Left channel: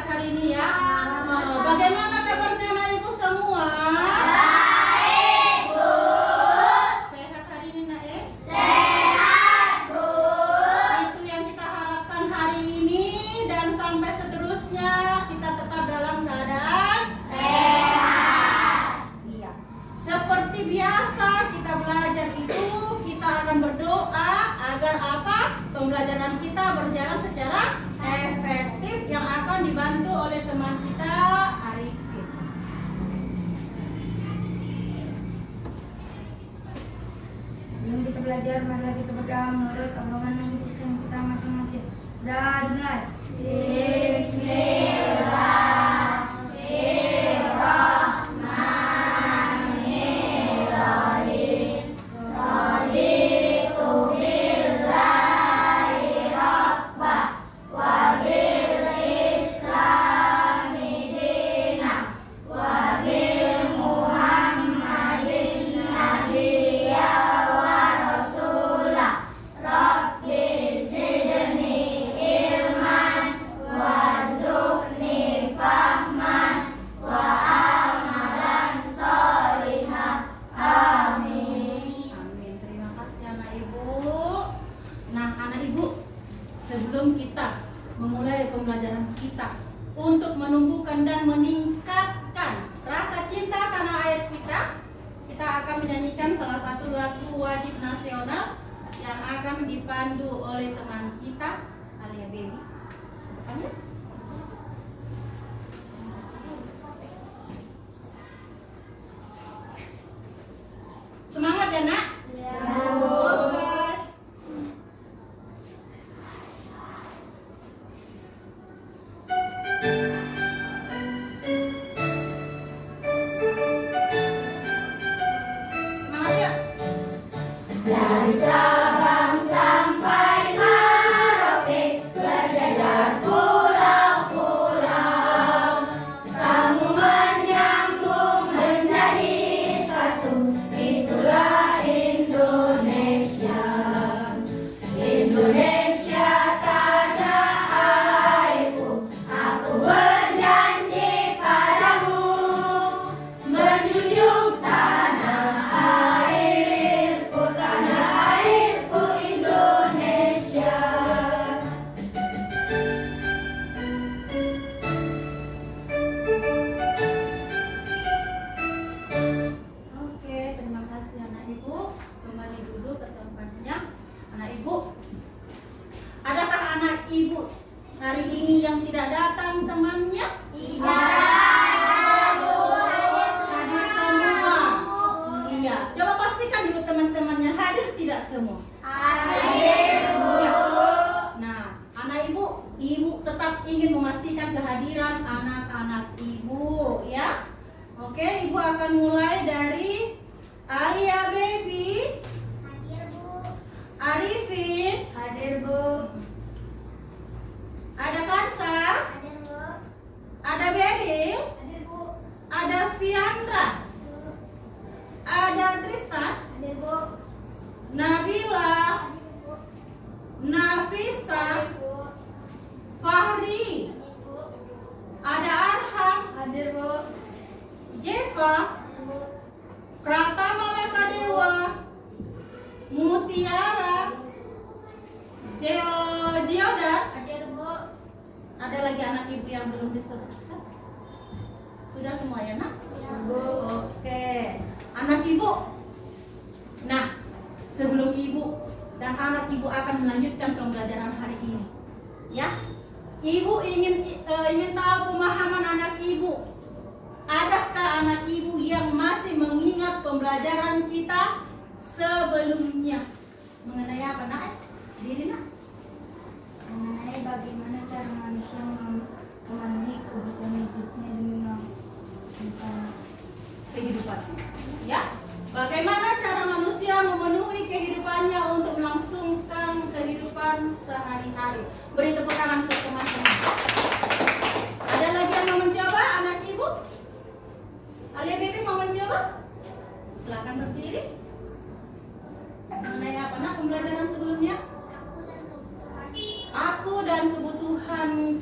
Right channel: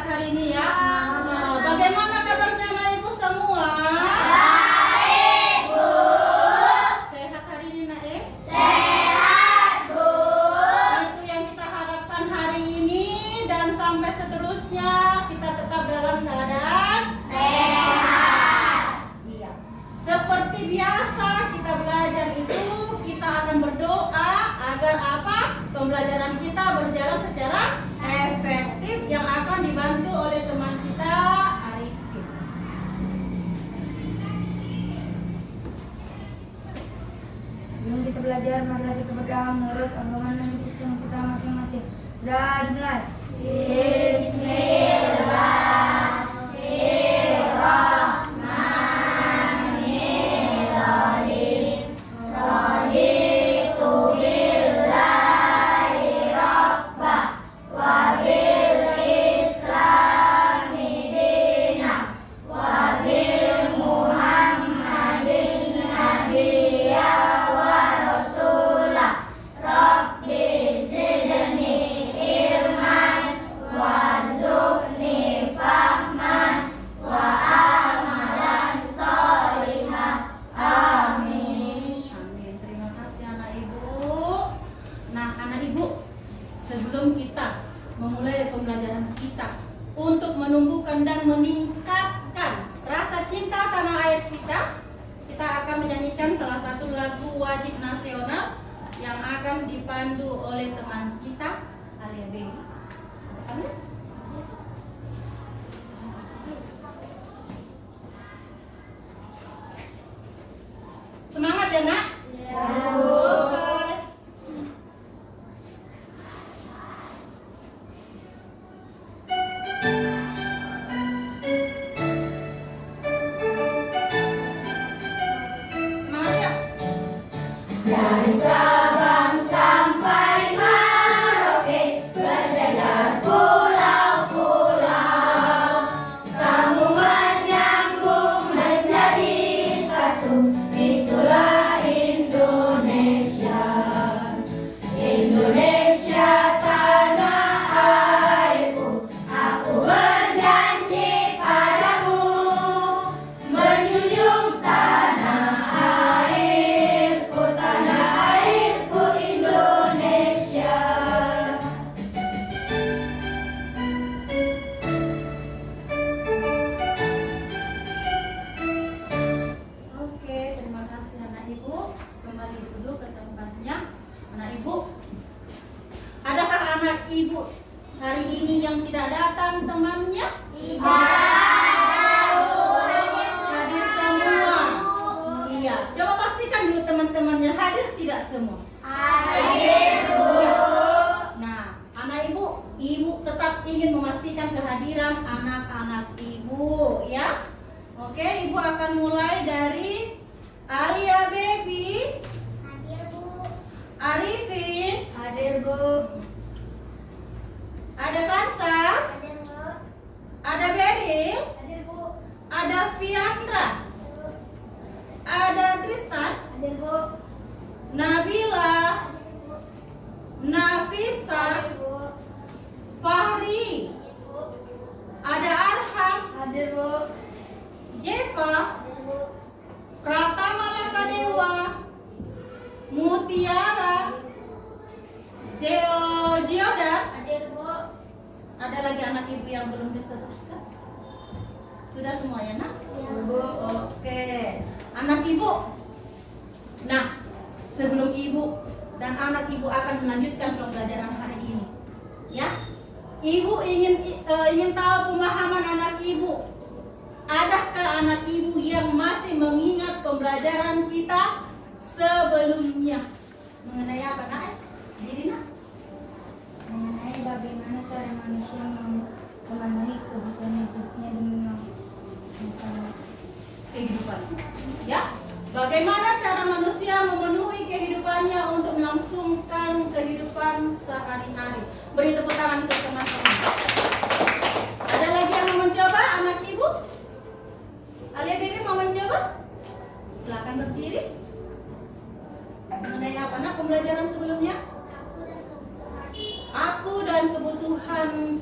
sehat hari ini ya? Bagaimana kabarnya anak ibu semua? Baik, Bu. Sehat hari ini nak Sehat, Bu. Itu yang kita harapkan hari ini dan sampai seterusnya kita tetap dalam keadaan Sehat. iya. Seperti biasa kita belajar itu kita akan berdoa agar apa? Pembelajaran kita berjalan secara efektif yang akan dibantu oleh teman kita Arifin. Sebelum kita belajar, marilah kita berdoa menurut agama dan Kristen kita masing-masing. Sudah dimulai. Bismillahirrahmanirrahim. Raditu billahi rabba wa bil islami dina wa bil muhammadin nabiyya wa rasula. Rabbi zidni ilman warzuqni fahman wa amalan sholihan. Amin. Amin. Terima kasih anak ibu. Nah, anak ibu, sebelum kita memulai pembelajaran kita untuk menumbuhkan dan meningkatkan rasa cinta tanah air kita akan menyanyikan salah satu lagu wajib nasional yang akan dipandu oleh teman kita Alia Baby. Depan ya. Semangat ya nak? Oke. Semangat ya? Dari Sabang sampai Merauke, berjajar pulau-pulau, sambung menyambung menjadi satu. Itulah Indonesia. Indonesia tanah airku, aku berjanji padamu menjunjung tanah airku Indonesia. Oke, terima kasih anak ibu. Kembali dulu ke tempatnya. Anak ibu, adakah anak ibu hari ini yang tidak datang temannya? Hadir semua. Iya, coba pastikan dulu teman-temannya hadir tidak semua. Iya. Nah, anak ibu tetap ingin memastikan kehadiran anak-anak ibu, ya. Oke, ibu akan mulai dari Alia Baby, Arifin, Hadir, Bu. ada Kansa, ada Beril, ada Fiandra, ada Tristan, Nabila, Nafisa, Fahri, ada Arham, Hadir, Bu. Jeva, Pratama Lakadewa, Mutiara, Geodat. Hadir, Bu. Ada lagi anak ibu yang belum disebutkan? Sudah semua ya nak? Oke, anak ibu. Nah, sebelum ibu dan anak ibu akan melanjutkan pembelajaran hari ini, ya, ibu ingin tahu pemahaman anak ibu. Adakah anak ibu yang masih mengingat pembelajaran kita sebelumnya? Mengenai apa nak? Diri nak? Mengenai bagaimana cara manusia memenuhi kebutuhan hidupnya demi melangsungkan Kehidupan, ya. Bagaimana cara manusia memenuhi kehidupannya untuk melangsungkan kehidupan sehari-hari? Beri tepuk tangan untuk teman-teman. Ada lagi yang mau mencoba, anak ibu? Alia Baby mau mencoba? Silakan berdiri. Mengenai apa nak pembelajaran sebelumnya? Aku dan kebutuhan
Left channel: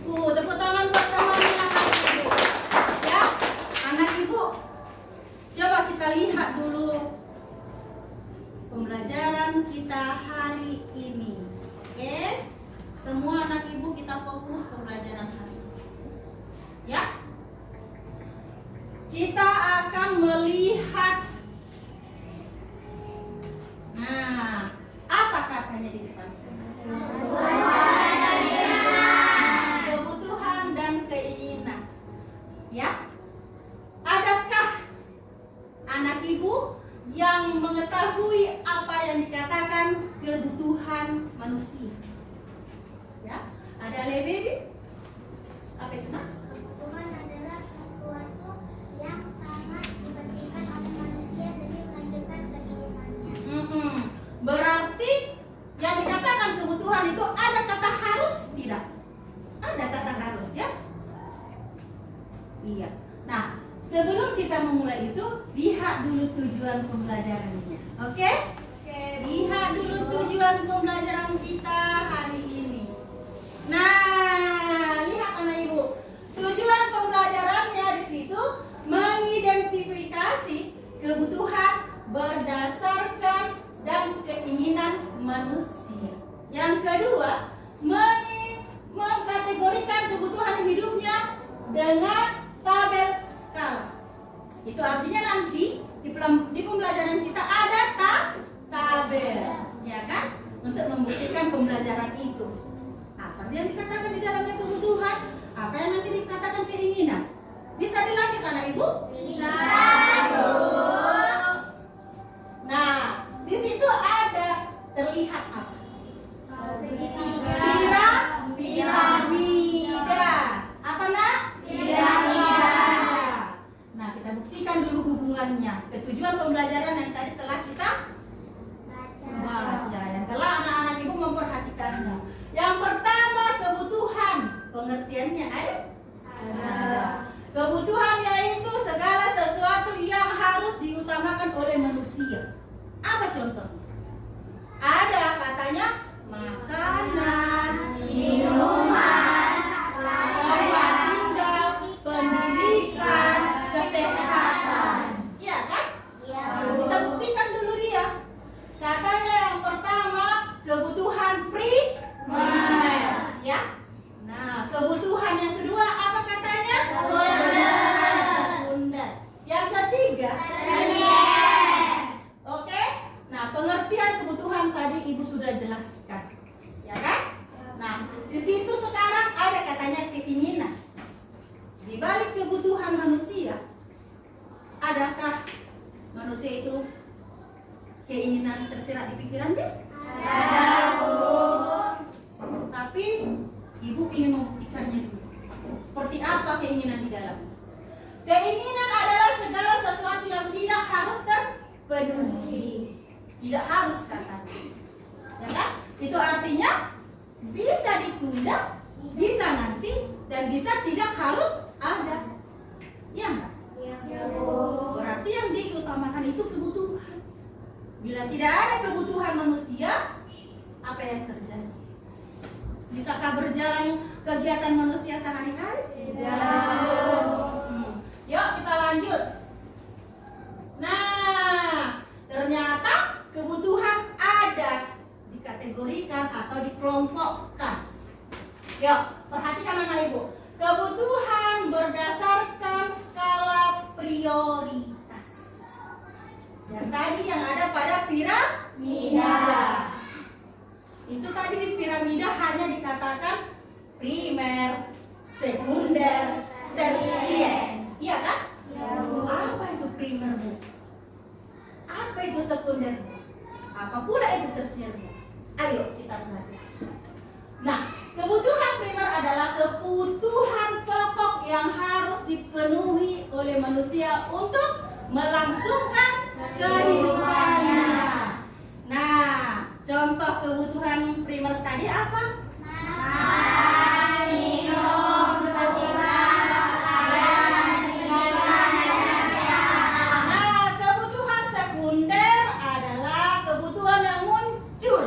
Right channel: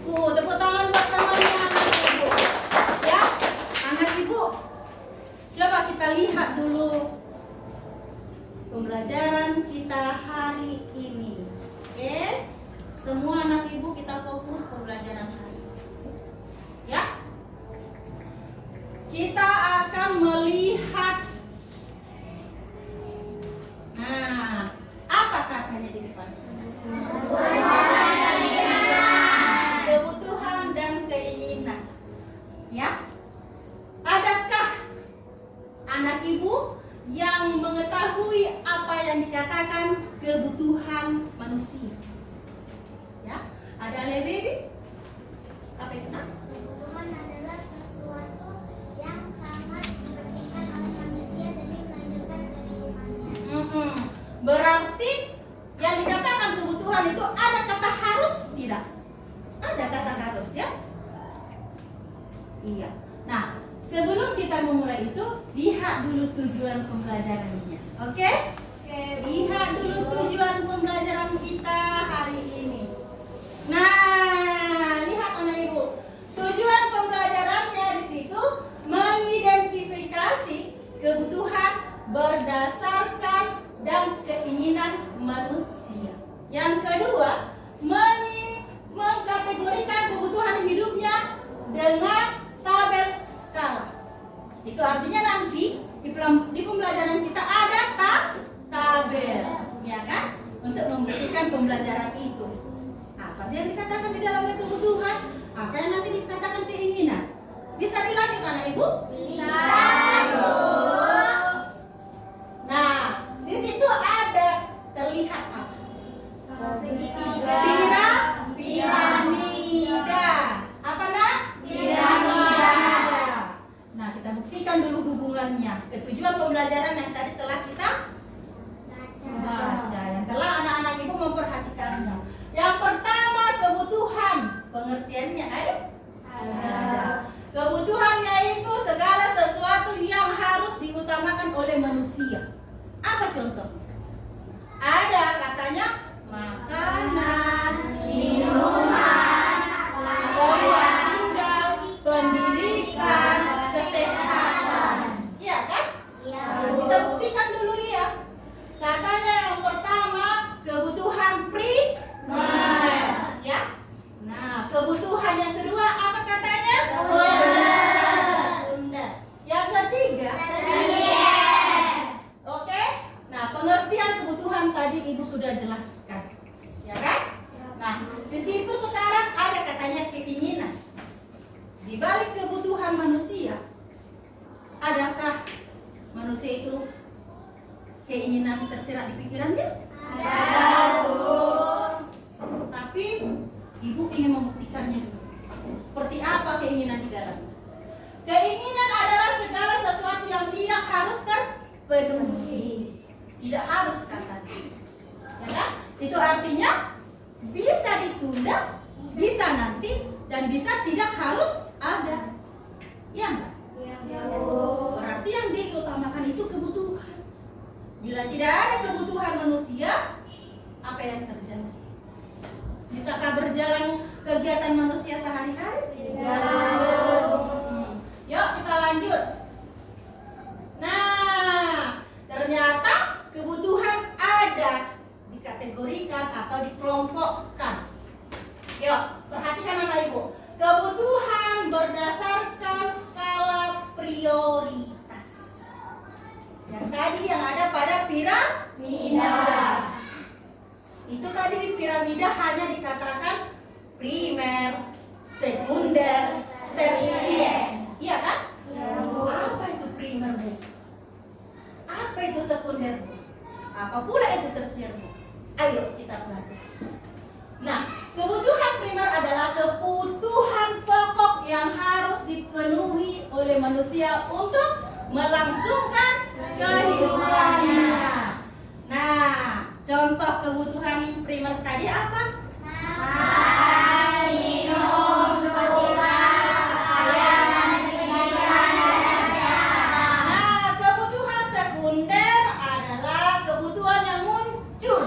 Ada kata harus ya? Iya. Nah, sebelum kita memulai itu, lihat dulu tujuan pembelajarannya. Oke? Lihat dulu tujuan pembelajaran kita hari ini. Nah, lihat anak ibu. Tujuan pembelajarannya di situ mengidentifikasi kebutuhan berdasarkan dan keinginan manusia. Yang kedua, mengkategorikan kebutuhan hidupnya dengan tabel skala. Itu artinya nanti di pembelajaran kita ada tabel, ya kan? Untuk membuktikan pembelajaran itu. Apa sih yang dikatakan di dalamnya kebutuhan? Apa yang nanti dikatakan keinginan? Bisa dilanjut anak ibu? Bisa, Bu. Nah, di situ ada terlihat apa? Piramida. Apa nak? Piramida. Nah, kita buktikan dulu hubungannya ke tujuan pembelajaran yang tadi telah kita baca, yang telah anak-anak ibu memperhatikannya. Yang pertama, kebutuhan. Pengertiannya ada? Kebutuhan yaitu segala sesuatu yang harus diutamakan oleh manusia. Apa contohnya? Ada katanya makanan, minuman, tempat tinggal, pendidikan, kesehatan. Iya kan? Kita buktikan dulu dia. Katanya yang pertama kebutuhan primer, ya. Nah, kebutuhan yang kedua apa katanya? Sekunder. Yang ketiga? Oke. Nah, pengertian kebutuhan tadi ibu sudah jelaskan, ya kan? Nah, di situ sekarang ada katanya keinginan. Di balik kebutuhan manusia, adakah manusia itu keinginan tersirat di pikirannya? Tapi ibu ingin membuktikannya dulu. Seperti apa keinginan di dalam? Keinginan adalah segala sesuatu yang tidak harus terpenuhi. Tidak harus katanya, ya kan? Itu artinya bisa ditunda, bisa nanti, dan bisa tidak harus ada. Ya enggak? Berarti yang diutamakan itu kebutuhan. Bila tidak ada kebutuhan manusia, apa yang terjadi? Bisakah berjalan kegiatan manusia sehari-hari? Yuk kita lanjut. Nah, ternyata kebutuhan ada dikategorikan atau dikelompokkan. Yuk, perhatikan anak ibu. Kebutuhan berdasarkan skala prioritas. Yang tadi yang ada pada piramida. Itu tadi di piramida hanya dikatakan primer, sekunder, tersier. Iya kan? Apa itu primer, Bu? Apa itu sekunder? Apa pula itu tersier? Ayo kita pelajari. Nah, kebutuhan primer adalah kebutuhan pokok yang harus dipenuhi oleh manusia untuk melangsungkan kehidupannya. Nah, contoh kebutuhan primer tadi apa? Kebutuhan sekunder adalah kebutuhan yang muncul.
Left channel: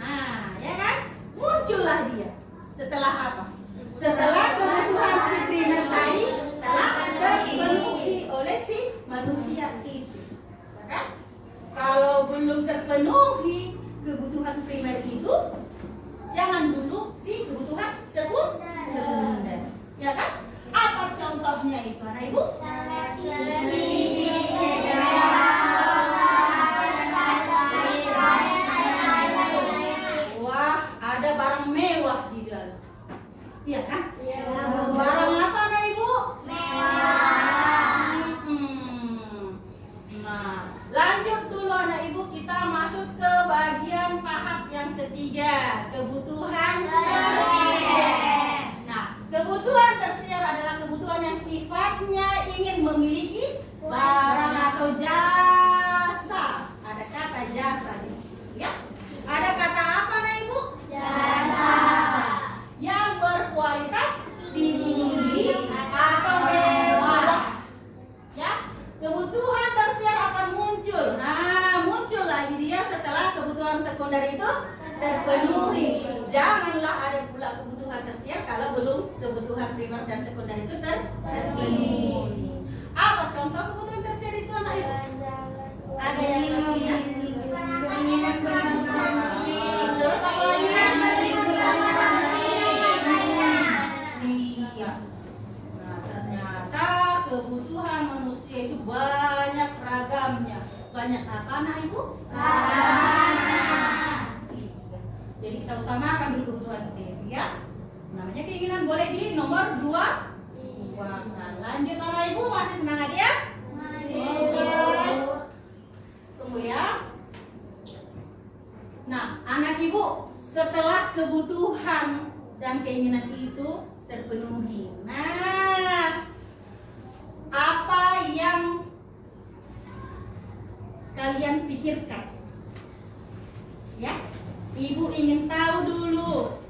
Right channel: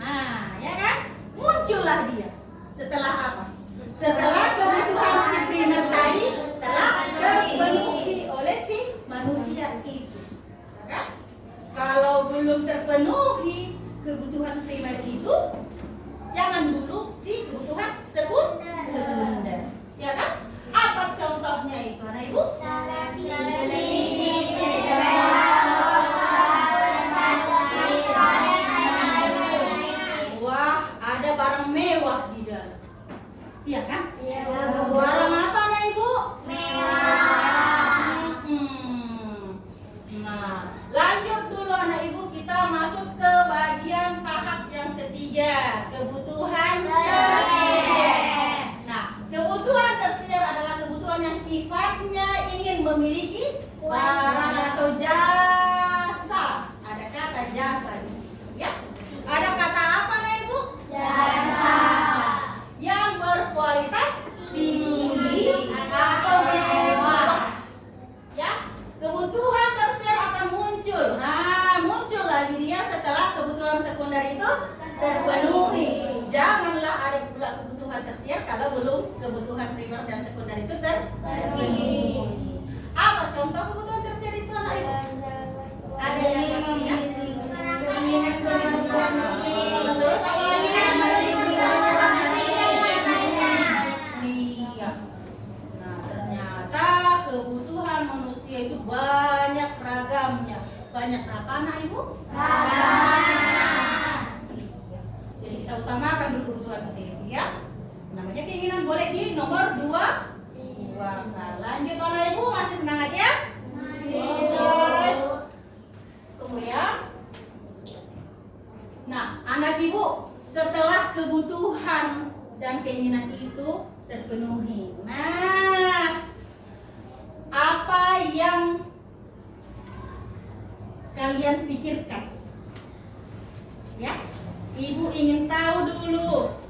Nah, ya kan? Muncullah dia. Setelah apa? Setelah kebutuhan si primer tadi telah terpenuhi oleh si manusia itu. Ya kan? Kalau belum terpenuhi kebutuhan primer itu, jangan dulu si kebutuhan sekunder. Ya kan? Apa contohnya itu, anak ibu? Wah, ada barang mewah di dalam. Iya kan? Barang apa, anak ibu? Nah, lanjut dulu anak ibu, kita masuk ke bagian tahap yang ketiga, kebutuhan tersier. Nah, kebutuhan tersier adalah kebutuhan yang sifatnya ingin memiliki barang atau jasa. Ada kata jasa di sini, ya. Ada kata apa, anak ibu? Jasa. Yang berkualitas kebutuhan primer dan sekunder itu terpenuhi. Apa contoh kebutuhan tersier itu anak ibu? Ada yang pastinya? keinginan berkebutuhan Terus apa lagi? Iya. Nah, ternyata kebutuhan manusia itu banyak ragamnya. Banyak apa anak ibu? Iya. Jadi kita utamakan dulu kebutuhan itu ya. Namanya keinginan boleh di nomor 2. Nah, lanjut anak ibu, masih semangat ya? Tunggu ya. Nah, anak ibu, setelah kebutuhan dan keinginan itu terpenuhi. Nah, apa yang kalian pikirkan? Ya, ibu ingin tahu dulu.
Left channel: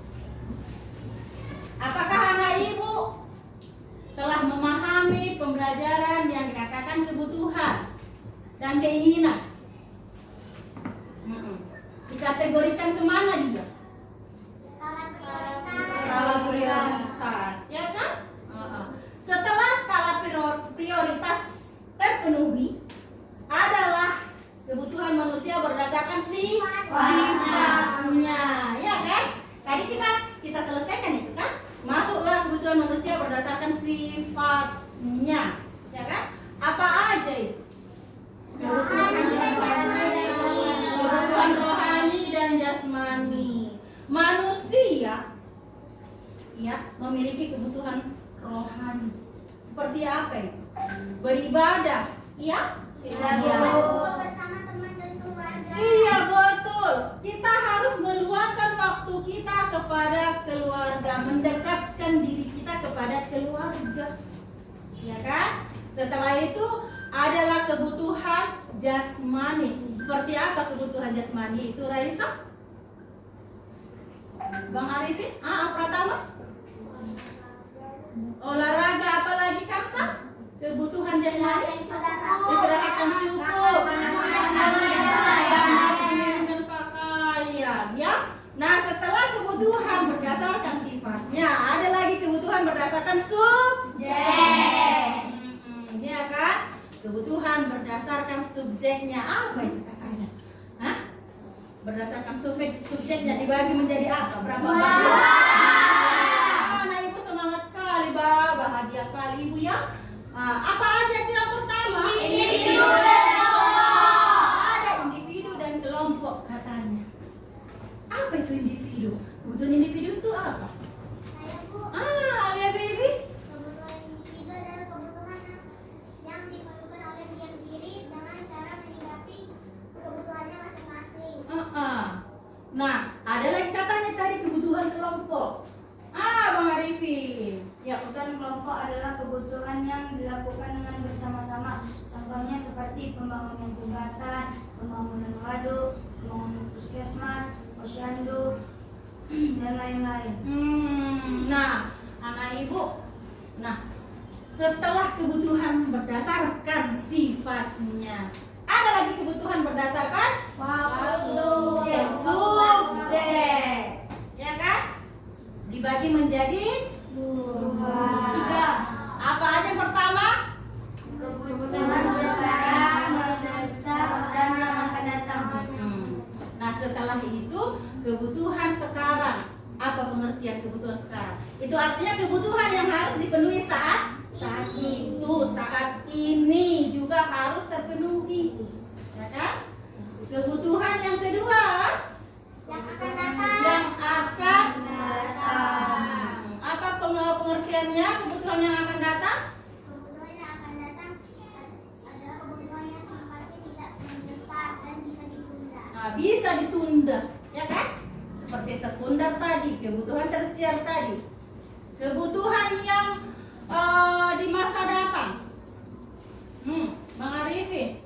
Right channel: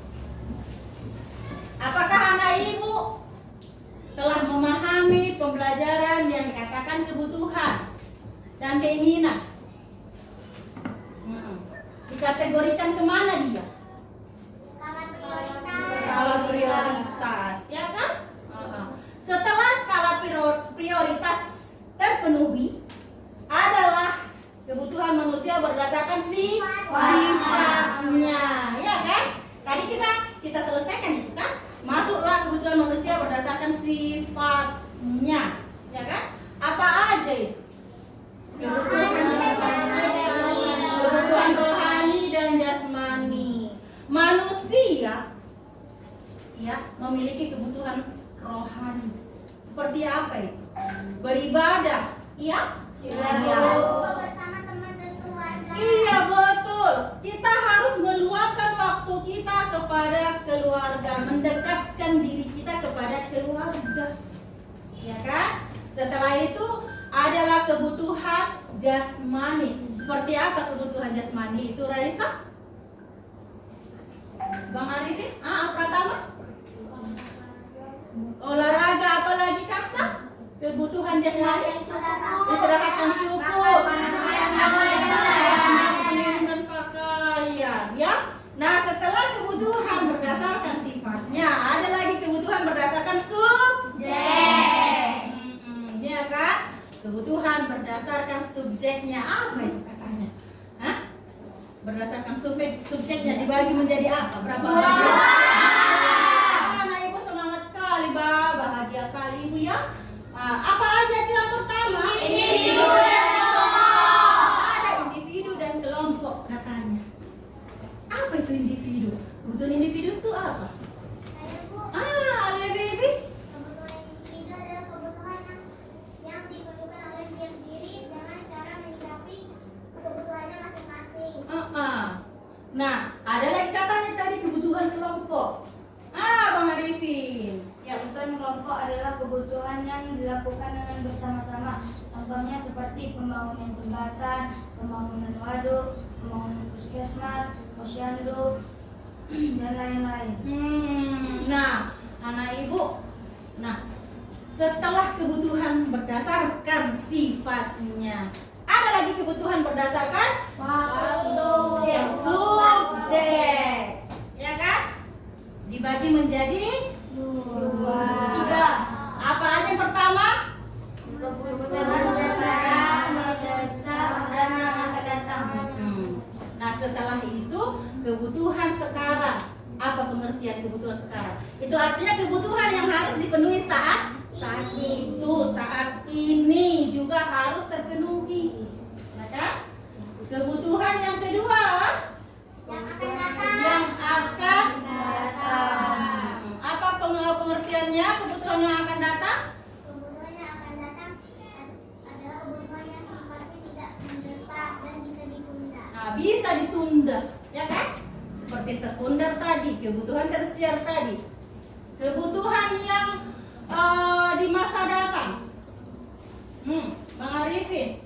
Apakah anak ibu telah memahami pembelajaran yang dikatakan kebutuhan dan keinginan? Dikategorikan kemana dia? Skala prioritas, ya kan? Setelah skala prioritas terpenuhi, adalah kebutuhan manusia berdasarkan sifatnya, ya kan? Tadi kita selesaikan itu kan? Masuklah kebutuhan manusia berdasarkan sifatnya, ya kan? Apa aja itu? Kebutuhan rohani dan jasmani. Manusia ya memiliki kebutuhan rohani. Seperti apa itu? Beribadah, iya? Iya betul. Kita harus meluangkan waktu kita kepada keluarga, mendekatkan diri kita kepada keluarga, ya kan? Setelah itu adalah kebutuhan jasmani. Seperti apa kebutuhan jasmani itu, Raisa? Bang Arifin? Pratama? Olahraga, apalagi Kaksa? Kebutuhan jasmani? Istirahat yang cukup, makan, minum dan pakaian, ya. Nah, setelah kebutuhan berdasarkan sifatnya, ada lagi kebutuhan berdasarkan subjek. Ya kan? Kebutuhan berdasarkan subjeknya, apa itu katanya? Hah? Berdasarkan subjeknya dibagi menjadi apa? Berapa bagian? Nah, ibu semangat kali, bahagia kali ibu ya. Apa aja itu yang pertama? Individu dan kelompok. Ada individu dan kelompok katanya. Apa itu individu? Kebutuhan individu itu apa? Alia Bibi. Kebutuhan individu adalah kebutuhan yang diperlukan oleh setiap diri dengan cara menyikapi kebutuhannya masing-masing. Nah, ada lagi katanya tadi kebutuhan kelompok. Bang Arifin. Ya, kebutuhan kelompok adalah kebutuhan yang dilakukan dengan bersama-sama. Contohnya seperti pembangunan jembatan, pembangunan waduk, pembangunan puskesmas, posyandu, dan lain-lain. Nah, anak ibu. Nah, setelah kebutuhan berdasarkan sifatnya, ada lagi kebutuhan berdasarkan subjek. Ya kan? Dibagi menjadi 3. Apa aja yang pertama? Kebutuhan sekarang, mendesak, dan yang akan datang. Nah, setelah itu kebutuhan sekarang. Apa pengertian kebutuhan sekarang? Itu artinya kebutuhan yang harus dipenuhi saat itu, saat ini juga harus terpenuhi. Ya kan? Kebutuhan yang kedua, Yang akan datang. yang akan datang. Apa pengertiannya kebutuhan yang akan datang? Kebutuhan yang akan datang adalah kebutuhan yang sifatnya tidak mendesak dan bisa ditunda. Nah, bisa ditunda, ya kan? Seperti sekunder tadi, kebutuhan tersier tadi. Kebutuhan yang di masa datang. Bang Arifin.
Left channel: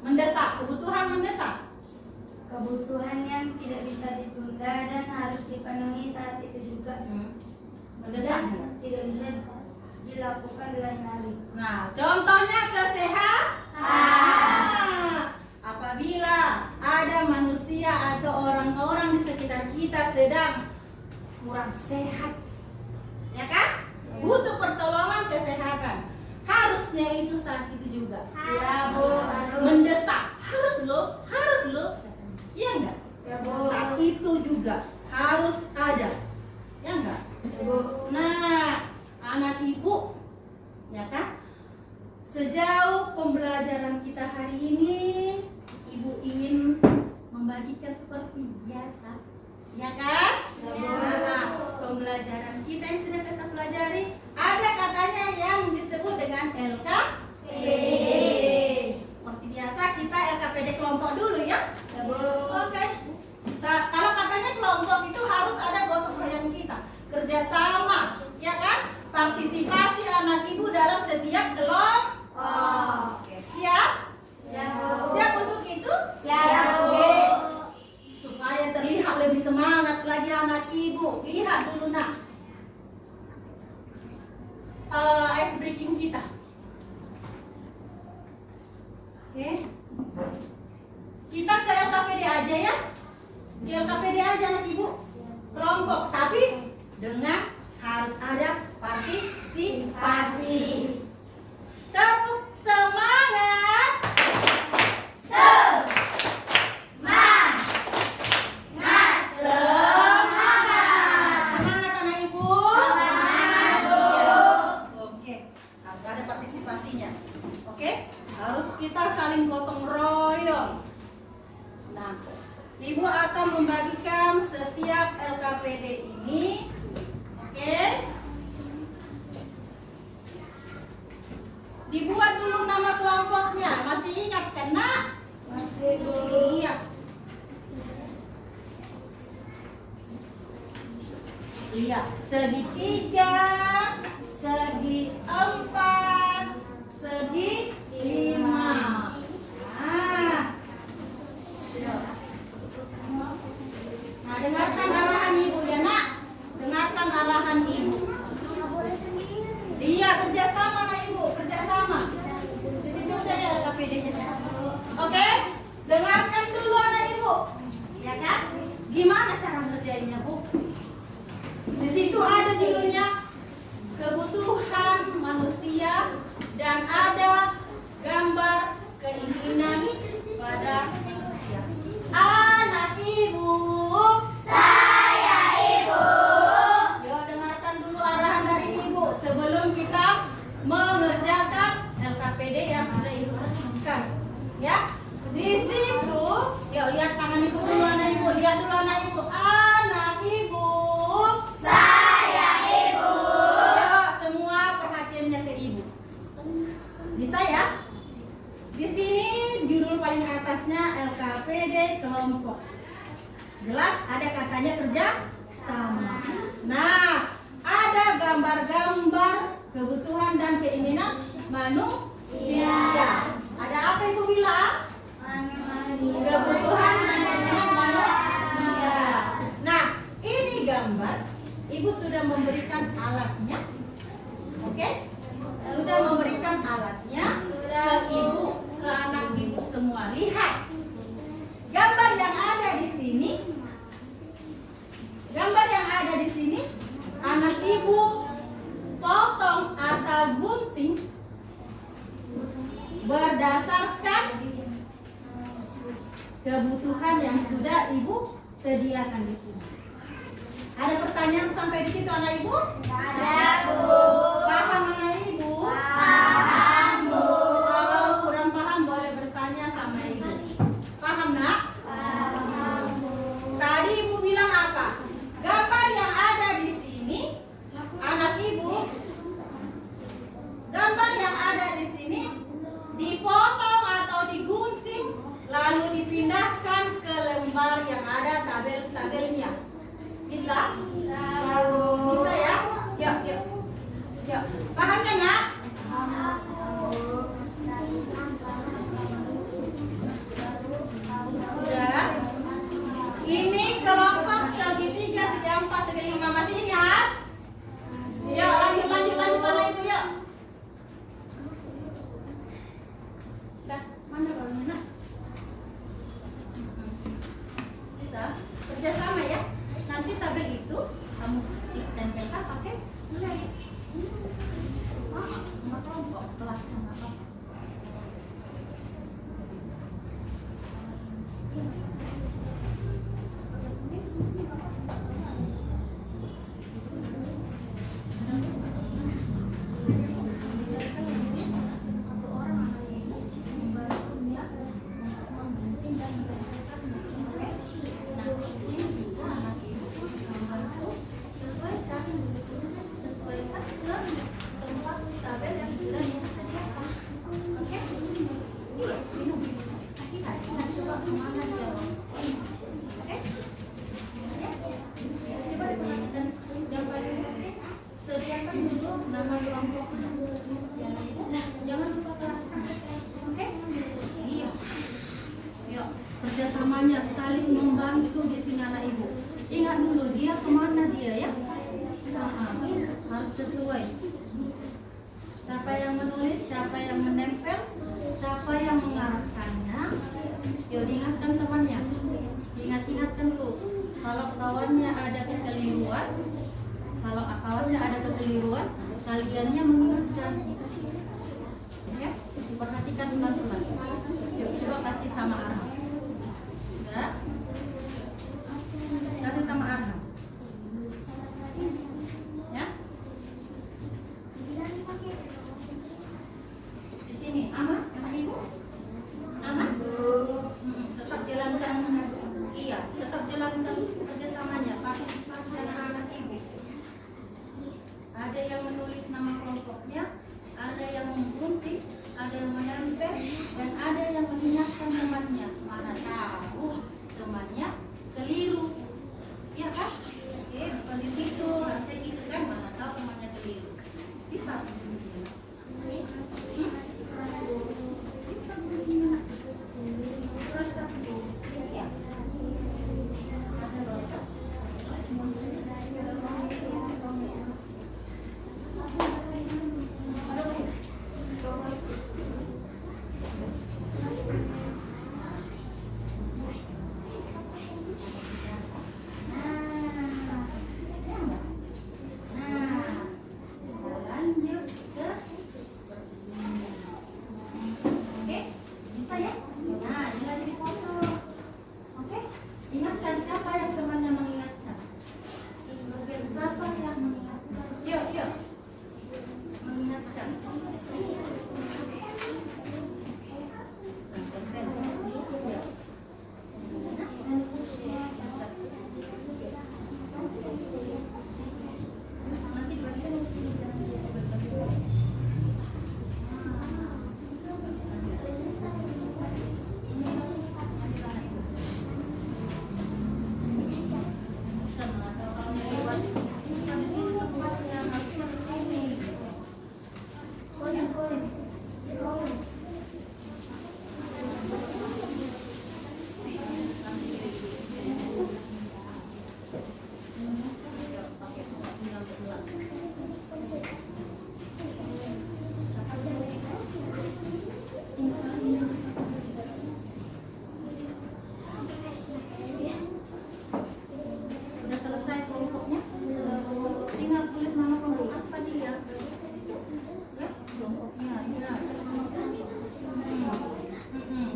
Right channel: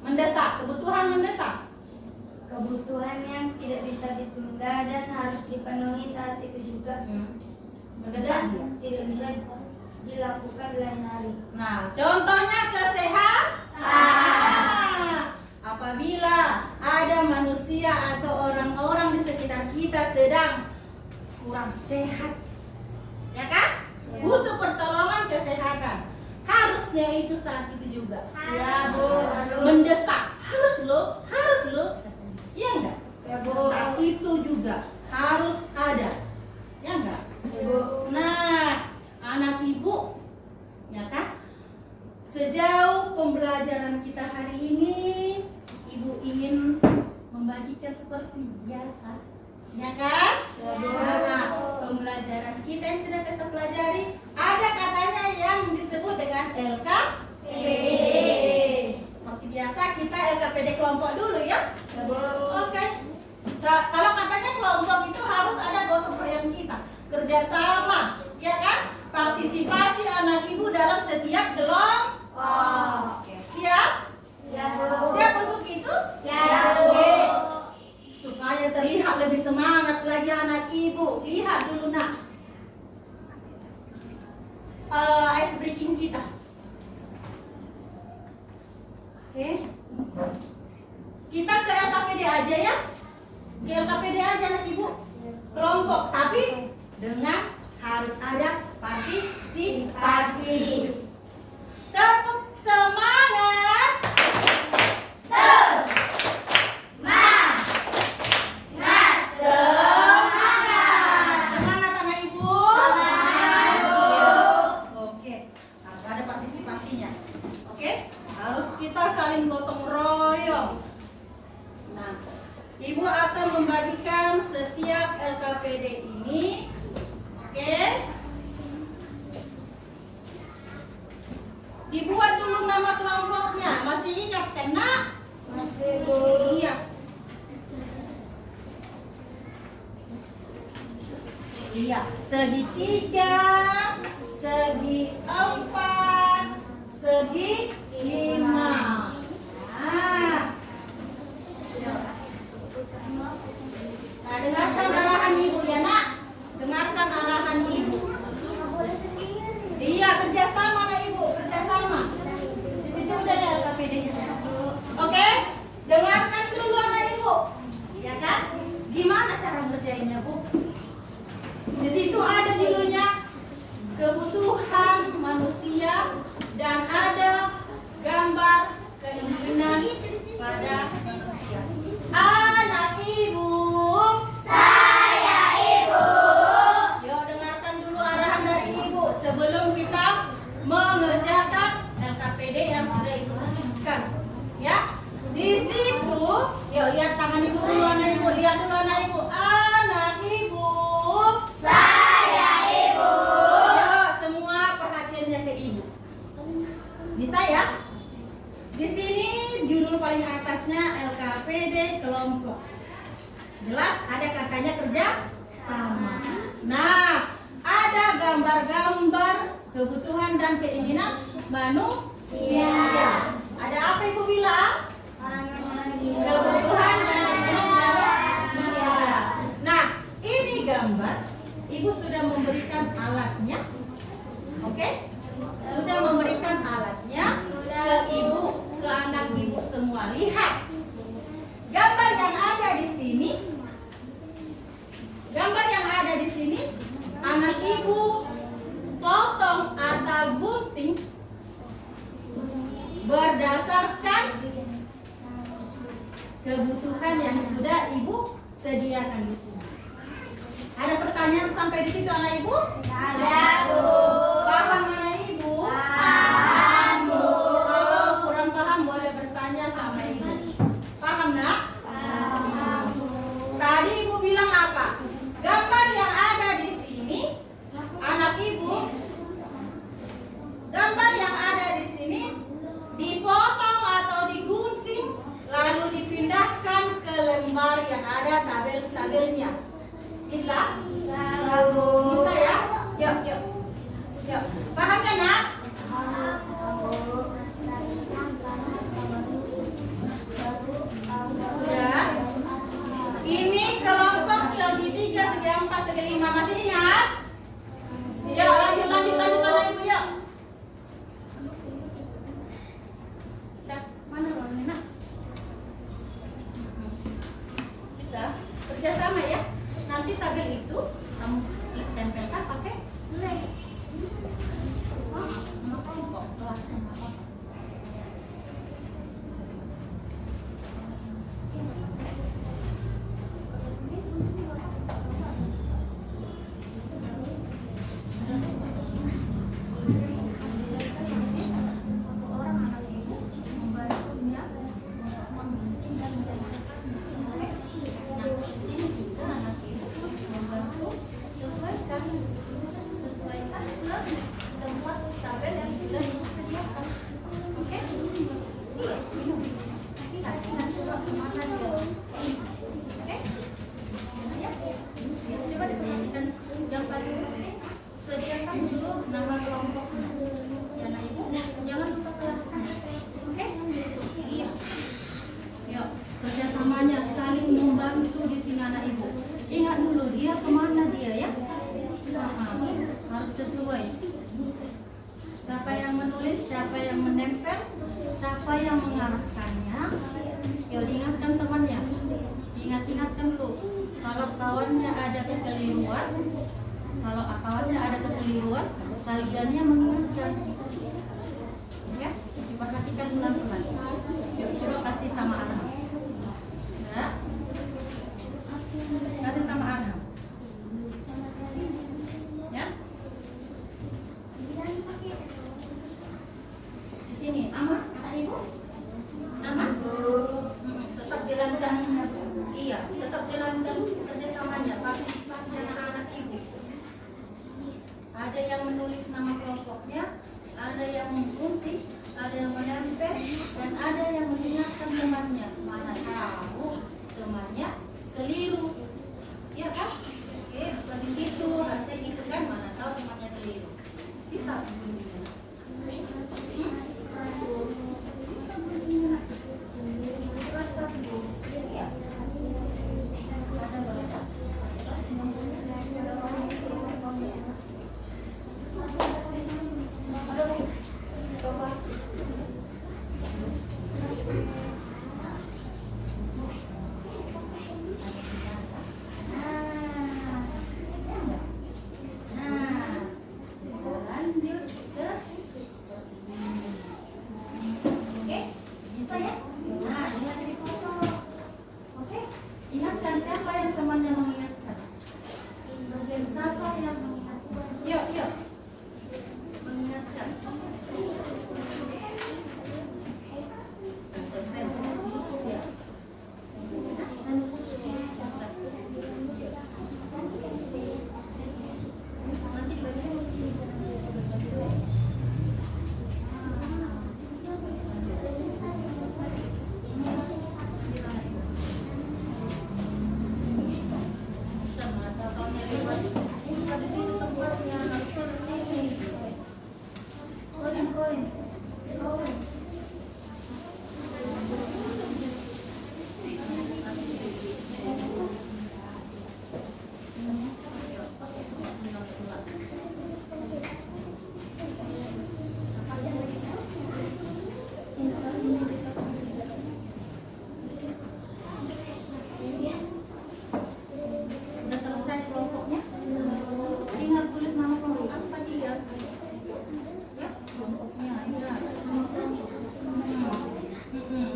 Mendesak, kebutuhan mendesak. Kebutuhan yang tidak bisa ditunda dan harus dipenuhi saat itu juga. Mendesak. Dan tidak bisa dilakukan di lain hari. Nah, contohnya kesehatan. Apabila ada manusia atau orang-orang di sekitar kita sedang kurang sehat, ya kan? Butuh pertolongan kesehatan. Harusnya itu saat itu juga. Ya, Bu. Mendesak, harus lo, iya enggak? Ya, Bu. Saat itu juga harus ada, ya enggak? Ya, Bu. Nah, anak ibu, ya kan? Sejauh pembelajaran kita hari ini, ibu ingin membagikan seperti biasa, ya kan? Ya, Bu. Nah, pembelajaran kita yang sudah kita pelajari, ada katanya yang disebut dengan LKPD. Seperti biasa kita LKPD kelompok dulu ya. Ya, Bu. Oke. Kalau katanya kelompok itu harus ada gotong royong kita, kerjasama, ya kan? Partisipasi anak ibu dalam setiap kelompok. Oke. Siap? Siap, Bu. Siap untuk itu? Siap, Bu. Oke. Supaya terlihat lebih semangat lagi anak ibu, lihat dulu nak. Ice breaking kita. Oke. Kita ke LKPD aja ya. Ke LKPD aja anak ibu. Kelompok, tapi dengan harus ada partisipasi. Tepuk semangat. Semangat anak ibu. Oke, harus ada partisipasinya. Oke, harus kita saling gotong royong. Nah, ibu akan membagikan setiap LKPD ini. Oke. Dibuat dulu nama kelompoknya. Masih ingat kan nak? Masih, Bu. Iya. Iya, segi 3, segi 4, segi 5. Nah, dengarkan arahan ibu ya nak. Dengarkan arahan ibu. Iya, kerjasama nak ibu, kerjasama. Di situ udah ya LKPD-nya. Oke, dengarkan dulu anak ibu. Ya kan? Gimana cara ngerjainnya bu? Di situ ada judulnya kebutuhan manusia dan ada gambar keinginan pada manusia. Anak ibu. Saya ibu. Yuk dengarkan dulu arahan dari ibu sebelum kita mengerjakan LKPD yang sudah ibu susunkan. Ya, di situ, yuk lihat tangan ibu dulu anak ibu, lihat dulu anak ibu. Anak ibu. Saya ibu. Yuk semua perhatiannya ke ibu. Bisa ya? Di sini judul paling atasnya LKPD kelompok. Jelas ada katanya kerja sama. Nah, ada gambar-gambar kebutuhan dan keinginan manusia. Ada apa ibu bilang? Kebutuhan dan keinginan manusia. Nah, ini gambar. Ibu sudah memberikan alatnya. Oke? Sudah memberikan alatnya ke ibu, ke anak ibu semua. Lihat. Gambar yang ada di sini. Gambar yang ada di sini, anak ibu potong atau gunting berdasarkan kebutuhan yang sudah ibu sediakan di sini. Ada pertanyaan sampai di situ anak ibu? Ada, Bu. Paham anak ibu? Paham, Bu. Kalau kurang paham boleh bertanya sama ibu. Paham nak? Paham. Tadi ibu bilang apa? Gambar yang ada di sini, anak ibu, gambar yang ada di sini dipotong atau digunting, lalu dipindahkan ke lembar yang ada tabel-tabelnya. Bisa? Bisa, Bu. Bisa ya? harus sesuai. Siapa yang menulis, siapa yang menempel, siapa yang mengarahkannya. Yuk diingatkan temannya, ingat-ingatkan dulu. Kalau kawannya ada kekeliruan, kaliannya mengingatkan. Ya, diperhatikan pelan-pelan. Yuk coba kasih sama Arham. Ya, kasih sama Arham. Ya. Di sini aman, kata Ibu? Aman? Tetap jalankan, iya, tetap jalankan kerjasamanya, partisipasi anak-anak Ibu. Ada yang menulis nama kelompoknya, ada yang menggunting, ada yang menempel, dan ada yang mengingatkan temannya. Mana tahu temannya keliru, ya kan? Oke, bukan di situ, harusnya gitu kan? Mana tahu temannya keliru. Bisa.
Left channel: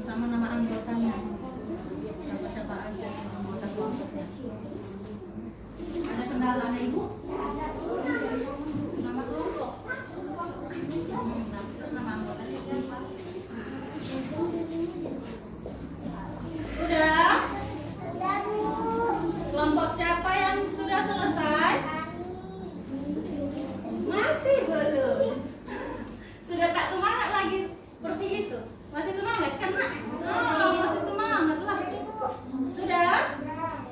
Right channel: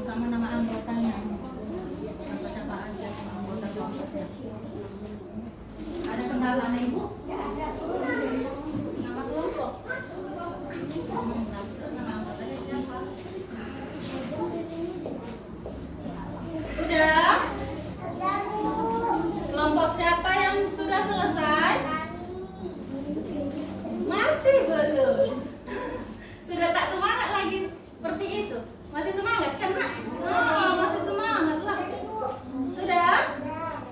Sama nama anggotanya, siapa aja yang anggota kelompoknya. Ada kendala Ibu? Nama kelompok. Terus nama anggotanya siapa? Sudah? Kelompok siapa yang sudah selesai? Masih belum. Sudah tak semangat lagi seperti itu. Masih semangat kan, Nak? Oh, masih semangat lah. Sudah?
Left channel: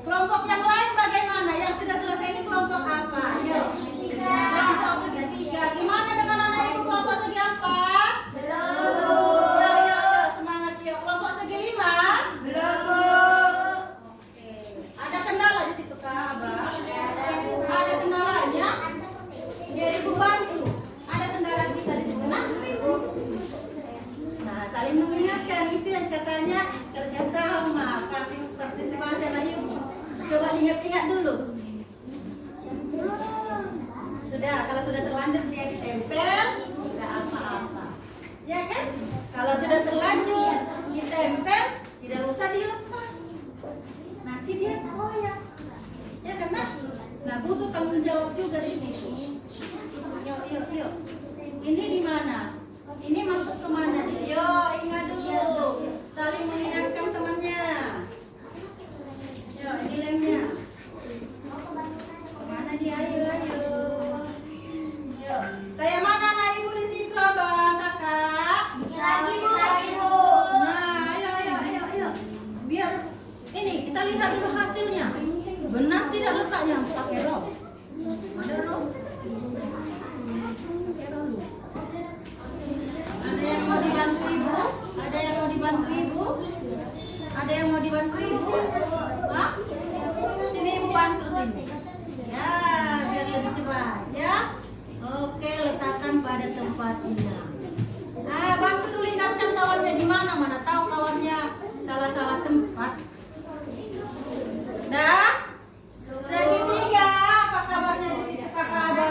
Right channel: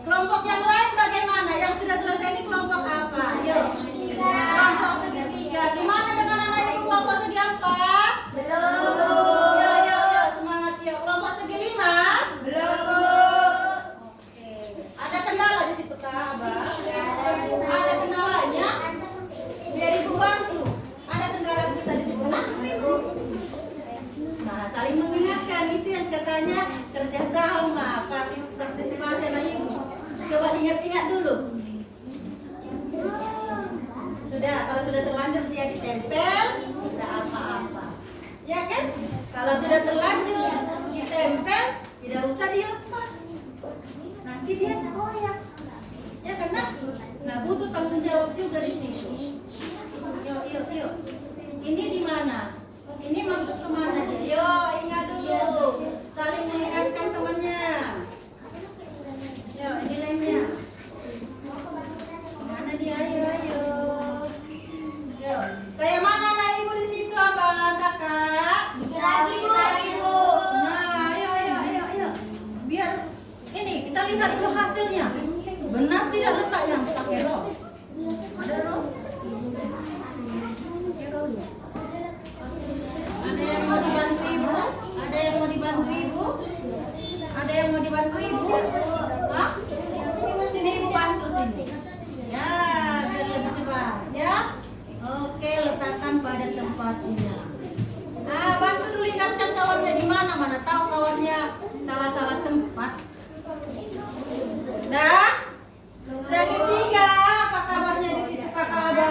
Kelompok yang lain bagaimana? Yang sudah selesai ini kelompok apa? Yuk. Kelompok ketiga. Gimana dengan anak Ibu kelompok segi empat? Belum. Yuk, semangat yuk. Kelompok segi lima? Belum. Oke. Ada kendala di situ, Kak, Abah? Ada kendalanya? Biar Ibu bantu. Ada kendala kita di situ, Nak? Nah, saling mengingatkan itu yang katanya kerjasama, partisipasi anak Ibu. Coba diingat-ingat dulu. Sudah, kalau sudah terlanjur dia ditempel, tidak apa-apa. Ya kan? Kalau sudah terlanjur ditempel, tidak usah dilepas. Nanti dia koyak. Ya kan, Nak? Nah, butuh tanggung jawab juga di sini. Yuk. Ini di mana? Ini masuk ke mana nih? Yo, ingat dulu. Saling mengingatkan temannya. Yo, ini lemnya. Kemana dia? Ayo. Yo, kayak mana anak Ibu di situ, Abang, Kakak? Lagi, Bu. Nah, ayo. Biar ini kita lihat dulu hasilnya. Benar tidak letaknya? Pakai roll. Ada roll? Pakai roll. Ada yang mau dibantu Ibu? salah-salah tempat. Nah, segitiga, apa kabarnya di situ kakak ada?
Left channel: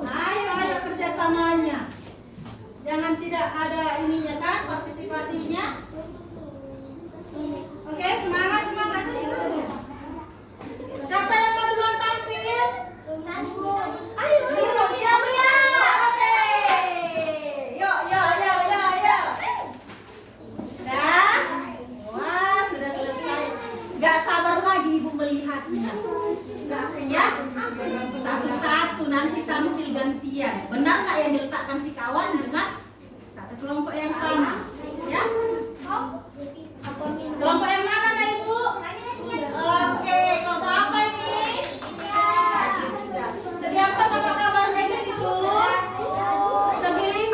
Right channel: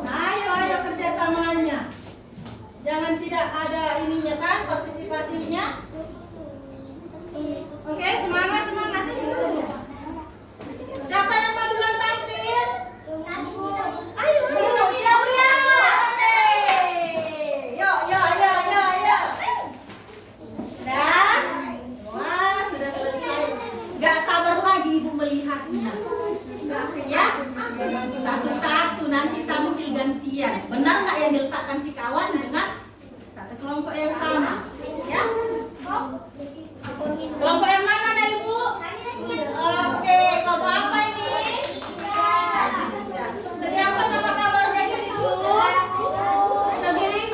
Ayo kerjasamanya. Jangan tidak ada ininya kan, partisipasinya. Oke, semangat. Siapa yang mau duluan tampil? Ayo. Oke. Yuk. Sudah? Wah, sudah selesai. Gak sabar lagi ibu melihatnya. Ya, satu-satu nanti tampil gantian. Benar nggak yang diletakkan si kawan dengan satu kelompok yang sama? Ya. Kelompok yang mana dah ibu? Oke, kelompok apa ini? Segi apa kabarnya di situ? Segi 5.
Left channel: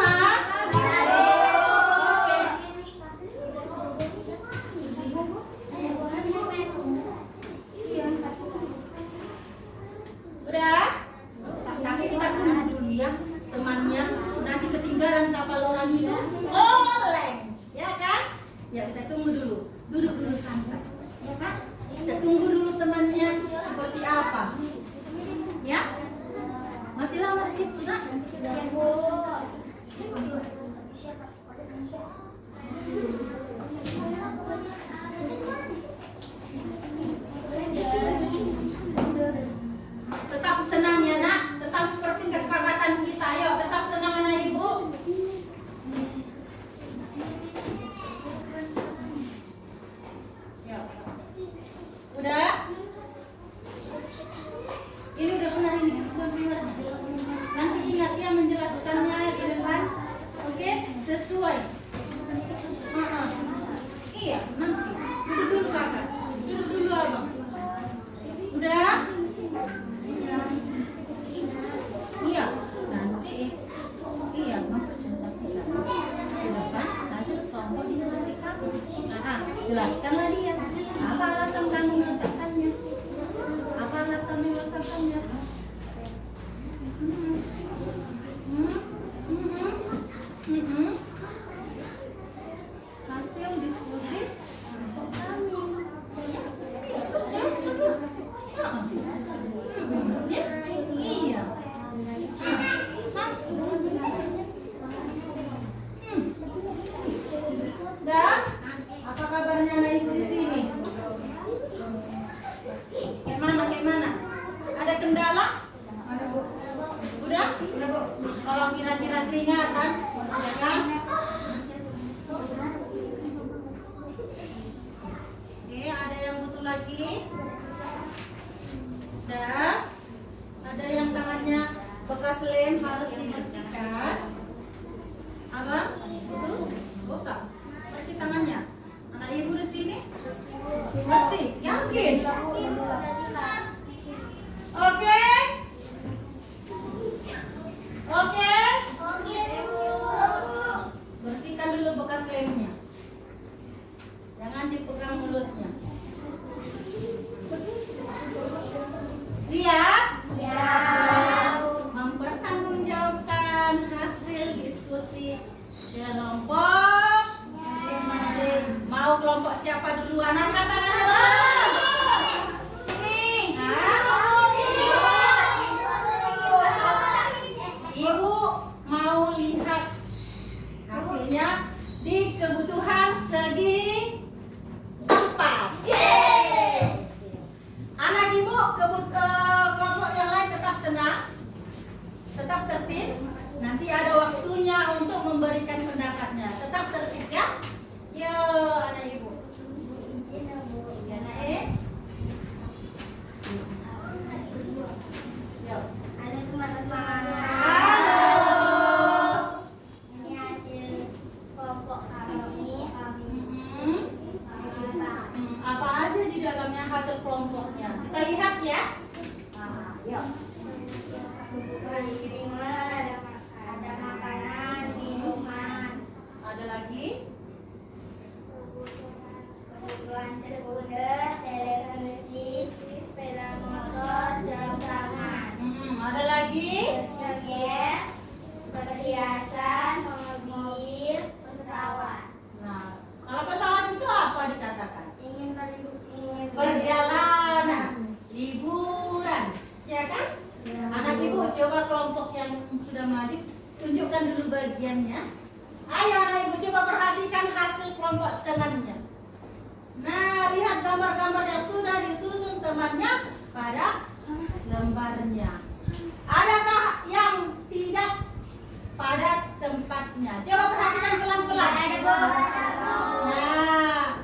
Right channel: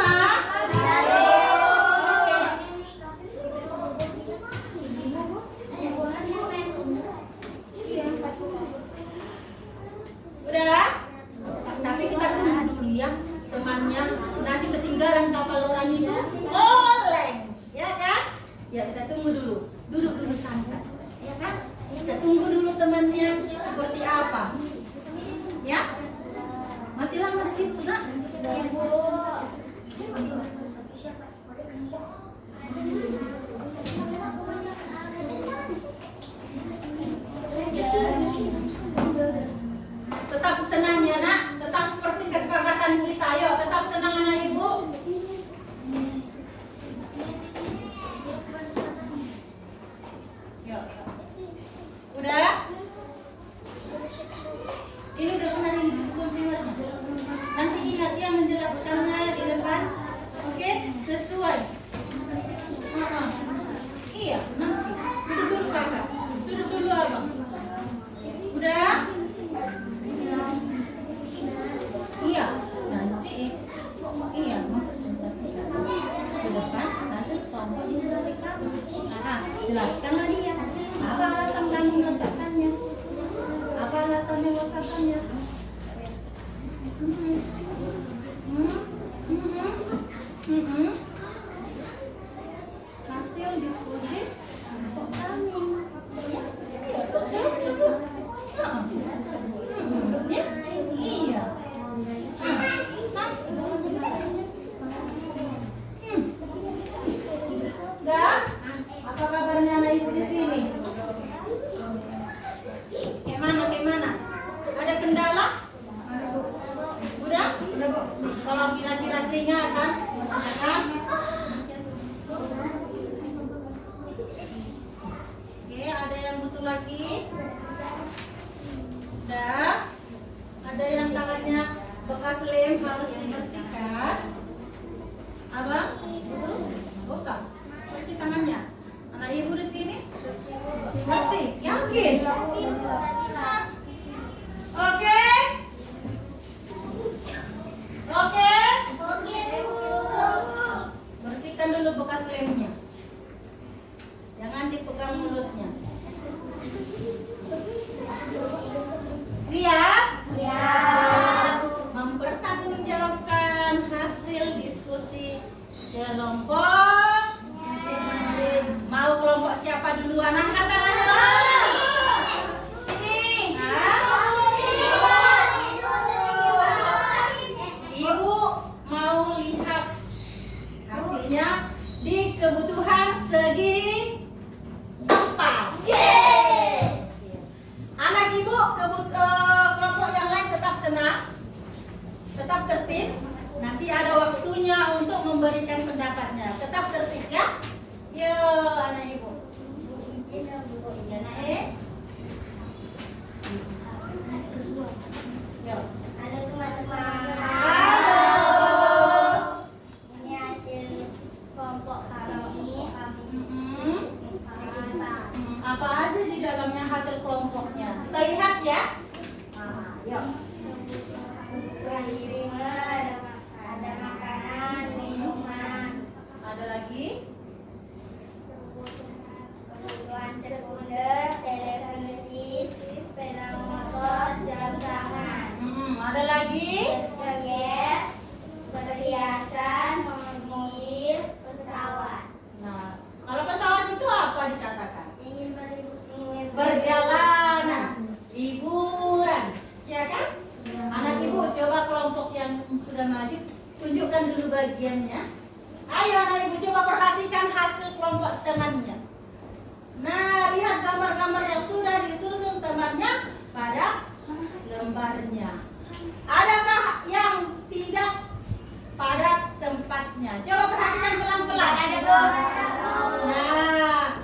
Udah? Tapi kita tunggu dulu ya temannya. Nanti ketinggalan kapal orang itu oleng, ya kan? Ya kita tunggu dulu. Duduk dulu santai, ya kan? Kita tunggu dulu temannya seperti apa. Ya? Masih lama di situ, nak? Ya, Bu. Tetap tenang ya nak, tetap seperti kesepakatan kita. Ayo, tetap tenang anak ibu. Yuk. Udah? Ini udah pernah dibuat. Nanti ingat ya menjelaskannya di depan. Oke, sesuai. Iya, nanti. Duduk dulu kakak. Duduk dulu abang. Udah? Iya, nanti iya mempresentasikan di depan hasil kelompok diskusi kami. Jelaskanlah dia apa alasan kami meletakkannya, apa alasan meletakkannya. Hasil diskusi kelompok kami. Terus dulu. Iya. Dan apa kabarnya anak ibu di sini? Gimana? Ada kendala? Udah? Kalau kira-kira keringatan, ya kan? Oke, ada yang butuh lagi? Dan ada yang tangannya bekas lem harus dibersihkan. Abang, betul? Usah. Bersih tangannya. Anak ibu di sini? Bersih. Yakin? Oke? Oke? Bersihkan dulu bekas lemnya. Jangan dipegang mulutnya. Siap? Mempertanggungjawabkan hasil diskusi kelompok. Mau kelompok siapa duluan? Angkat tangannya dulu. Sini. Ibu mau lihat hasilnya di kebutuhan segi 4. Yes. Anak ibu kelompok yang lain tetap tenang, tetap tertib. Nanti ada waktunya untuk memberikan pendapatnya. Tetap tertib ya. Yo, anak ibu. Ya, nak Yo. Halo teman-teman. Halo. Ini hasil kelompok kami. Apa aja di dalamnya hasil kelompoknya? Kita lihat ya. Nah, yuk. Ada makanan, minuman, Ada lagi? kebutuhan sekunder, televisi, sepeda motor, jam tangan, Ada lagi? jaket, perhiasan, mobil, pesawat. Nah, kalau pesawat tunjukkan dulu bagiannya. Ayo anak ibu coba perhatikan hasil kelompok temannya. Nah, lihat gambar-gambar yang sudah disusun temannya pada lembarnya. Adakah yang tidak pada tempatnya? Coba perhatikan pelan-pelan. Nah,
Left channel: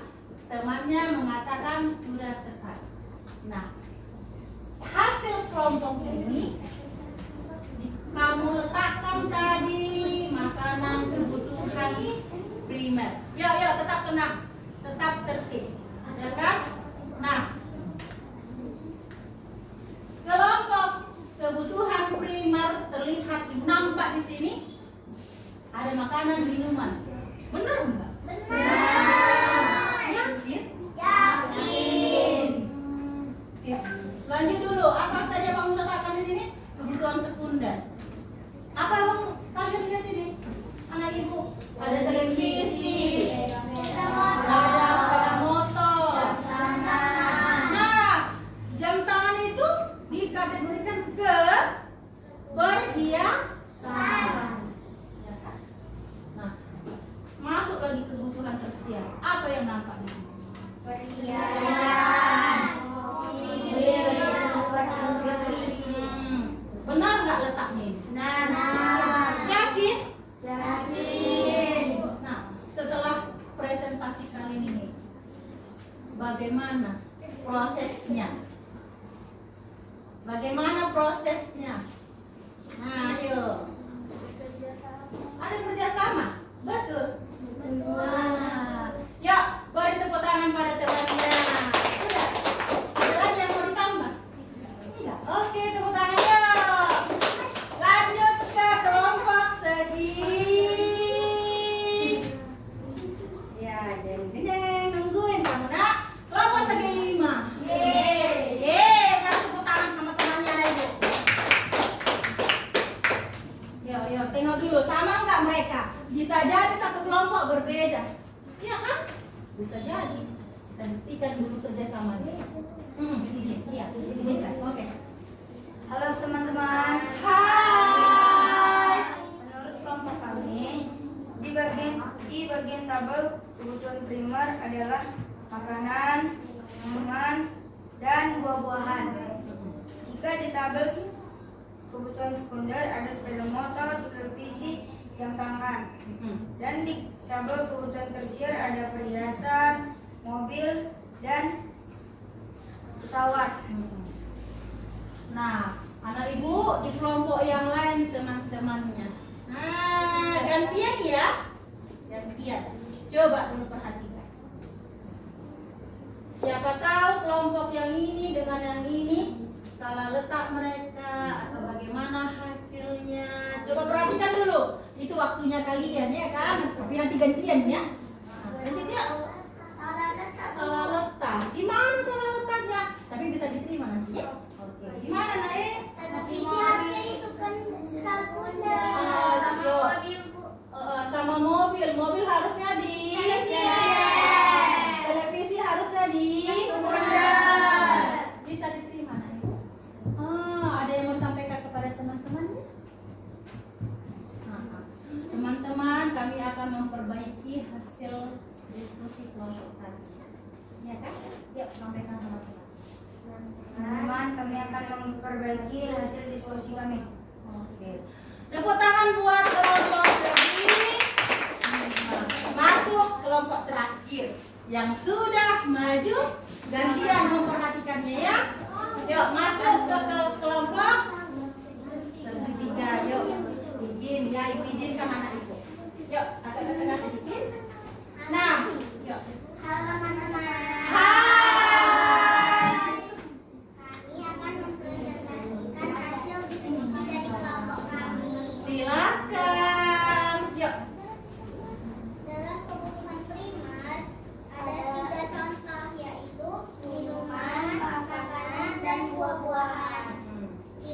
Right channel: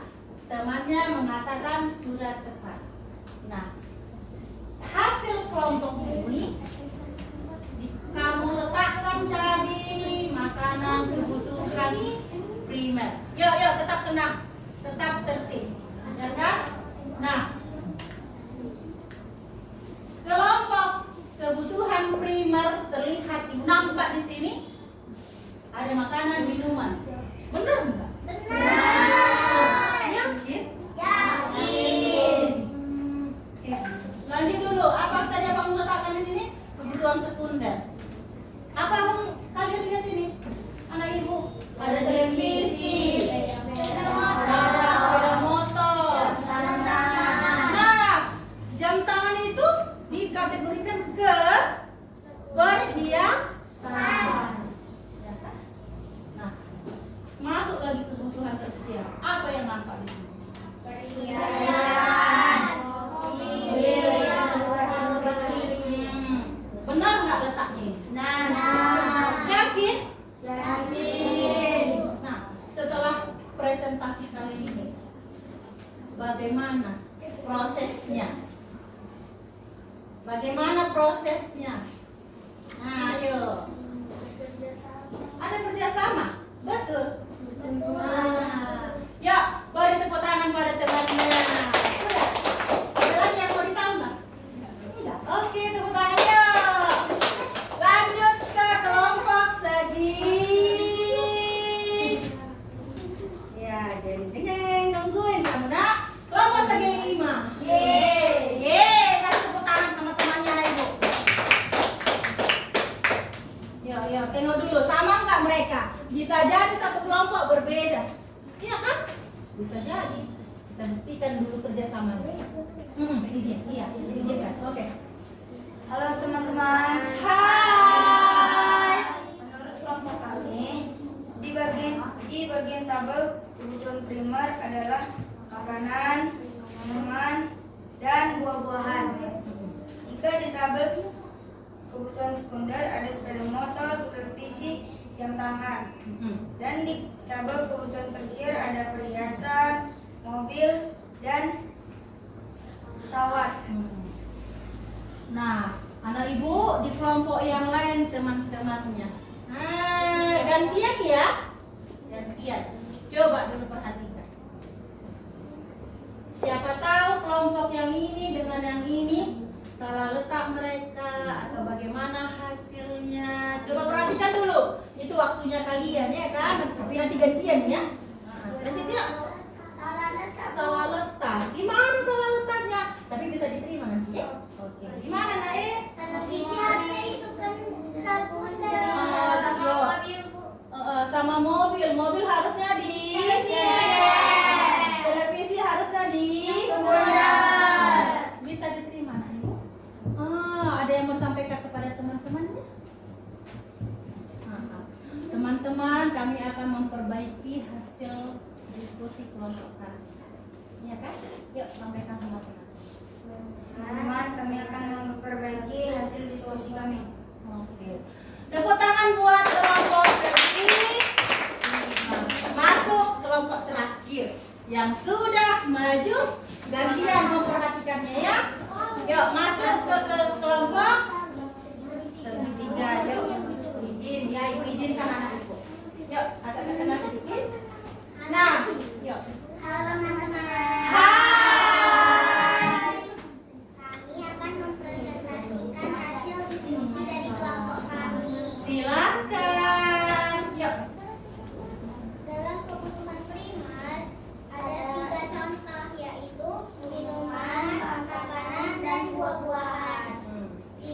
temannya mengatakan sudah tepat. Nah, hasil kelompok ini kamu letakkan tadi makanan kebutuhan primer. Yuk, tetap tenang, tetap tertib, ya kan? Nah, kelompok kebutuhan primer terlihat nampak di sini ada makanan minuman. Benar nggak? Yakin? Yakin. Oke. Lanjut dulu. Apa tadi abang letakkan di sini? Kebutuhan sekunder. Apa abang kalian lihat ini? Anak ibu, ada televisi, ada sepeda motor. Nah, jam tangan itu dikategorikan ke perhiasan. Ya kan? Nah, masuk lagi kebutuhan tersier. Apa yang nampak di sini? Benar nggak letaknya ini? Yakin? Nah, setelah presentasi kali ini, bagaimana prosesnya? Nah, ayo. Ada kerjasama, betul. Nah, yuk, beri tepuk tangan pada temannya. Sudah. Ada lagi yang mau ditambah? Tidak. Oke, tepuk tangan yuk. Lanjut ke kelompok segi. Ya, jeng nungguin kamu nak. Kelompok segi 5. Kasih tepuk tangan sama temannya ibu. Yuk, tengok dulu sama nggak mereka? Bisa jadi satu kelompok berbeda. Iya kan? Bisa jadi. Kita buktikan dulu kerjasamanya. Iya, izinkan. Oke. Halo teman-teman. Hai. Menurut kelompok kami, di bagian tabel kebutuhan primer adalah makanan, minuman, dan buah-buahan. Jika di tabel kebutuhan sekunder ada sepeda motor, televisi, jam tangan. Dan di tabel kebutuhan tersier ada perhiasan, mobil, dan pesawat. Nah, anak ibu di kelompok yang lain teman-temannya. Nah, gantian ya. Gantian. Coba dulu perhatikan. Siapa tahu kelompok yang ini dengan yang ini salah letak mereka atau bagaimana hasilnya. Coba perhatikan dulu. Itu waktunya kalian ya kan. Tapi nanti gantian ya. Nanti tidak salah letak. Gimana salah letaknya? Tapi bisa diterima nanti ya. Oke. Gimana Nae? Televisi harusnya disukun sekunder. Sama mobil. Mobil harusnya di televisi harusnya di Sekunder. Bisa diterima Nae. Ada yang mau sampaikan kepada teman-temannya? Teman-teman, kami akan memperbaiki hasil diskusi kelompok kali. Ya kan? Yuk, sampaikan sama teman. Teman-teman, kami akan memperbaiki hasil diskusi kami. Oke. Tepuk tangan buat kelompok segi. Masuk kelompok terakhir yang sudah maju. Gantian memperhatikannya ya. Yuk, masuk ke kelompok segitiga. Yuk, izin ya, ibu izinkan anak ibu. Yuk, kata-kata sedikit. Nah, yuk. Halo teman-teman. Hai. Kami akan mempresentasikan hasil diskusi dari kelompok kami. Silakan. Yuk. Dalam kebutuhan primer ada 3 contoh, yaitu minuman, makanan, dan buah-buahan. Di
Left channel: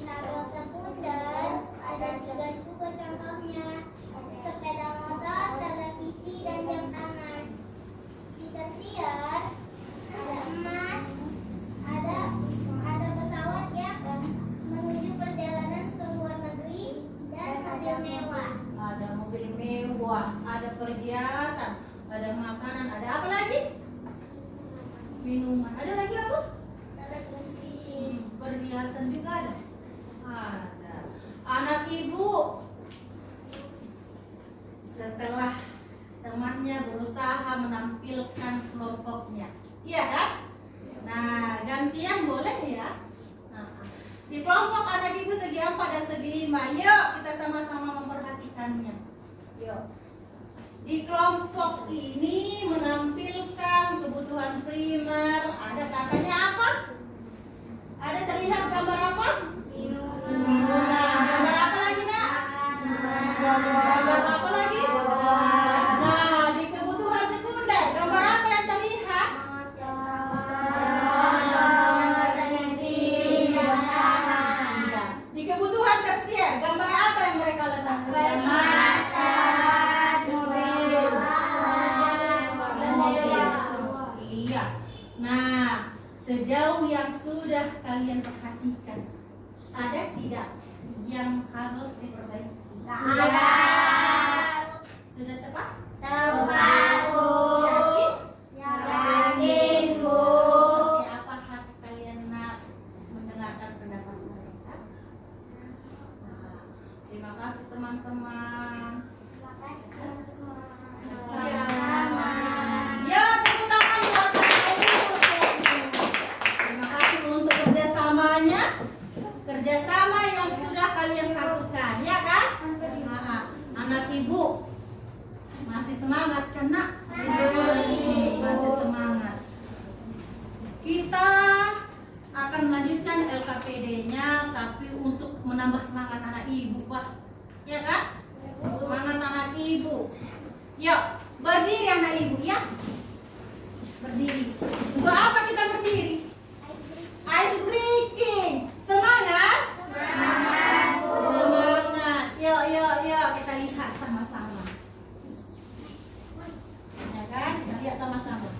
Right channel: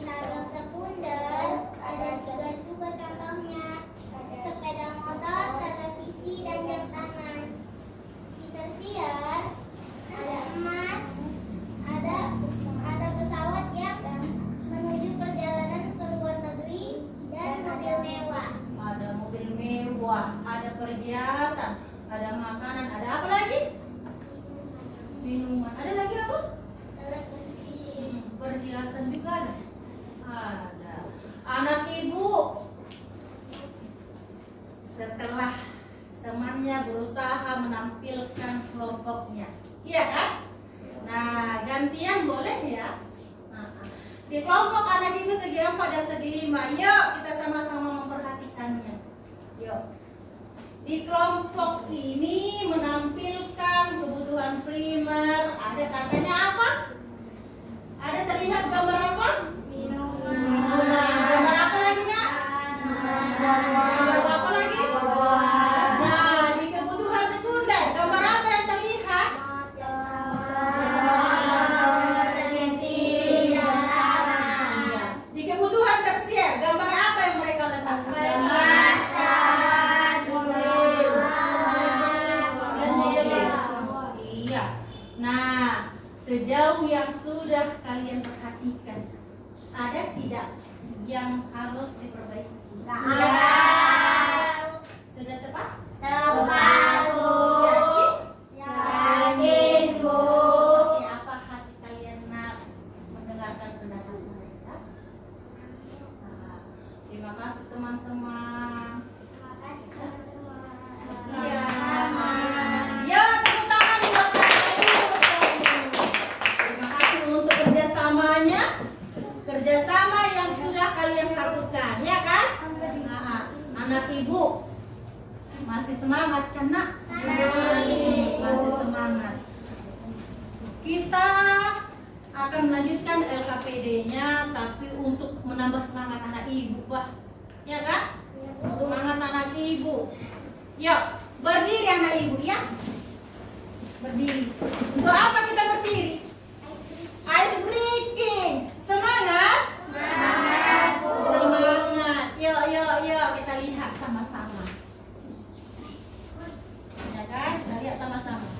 perhiasan, ada makanan, ada apa lagi? Minuman. Ada lagi apa? Perhiasan juga ada. Ada. Anak ibu setelah temannya berusaha menampilkan kelompoknya, iya kan? Nah, gantian boleh ya. Nah, di kelompok anak ibu segi 4 dan segi 5, yuk kita sama-sama memperhatikannya. Yuk. Di kelompok ini menampilkan kebutuhan primer. Ada katanya apa? Ada terlihat gambar apa? Nah, gambar apa lagi nak? Gambar apa lagi? Nah, di kebutuhan sekunder, gambar apa yang terlihat? Iya. Di kebutuhan tersier, gambar apa yang mereka letakkan? Iya. Nah, sejauh yang sudah kalian perhatikan, ada tidak yang harus diperbaiki? Sudah tepat? Yakin? Oke, apa hati kalian nak mendengarkan pendapat mereka? Nah, terima kasih teman-teman. Iya. Ya, tepuk tangan buat kalian. Terima kasih untuk kerjasamanya, kerjasama yang sudah kalian satukan, ya kan? Nah, anak ibu masih semangat kan nak? Masih semangat. Kita akan melanjutkan LKPD-nya, tapi untuk menambah semangat anak ibu, Pak. Ya kan? Semangat anak ibu. Yuk, berdiri anak ibu ya. Berdiri. Untuk apa kita berdiri? Ice breaking. Semangat? Semangat. Yuk, kita lihat sama-sama. Ya kan? Kita lihat sama-sama.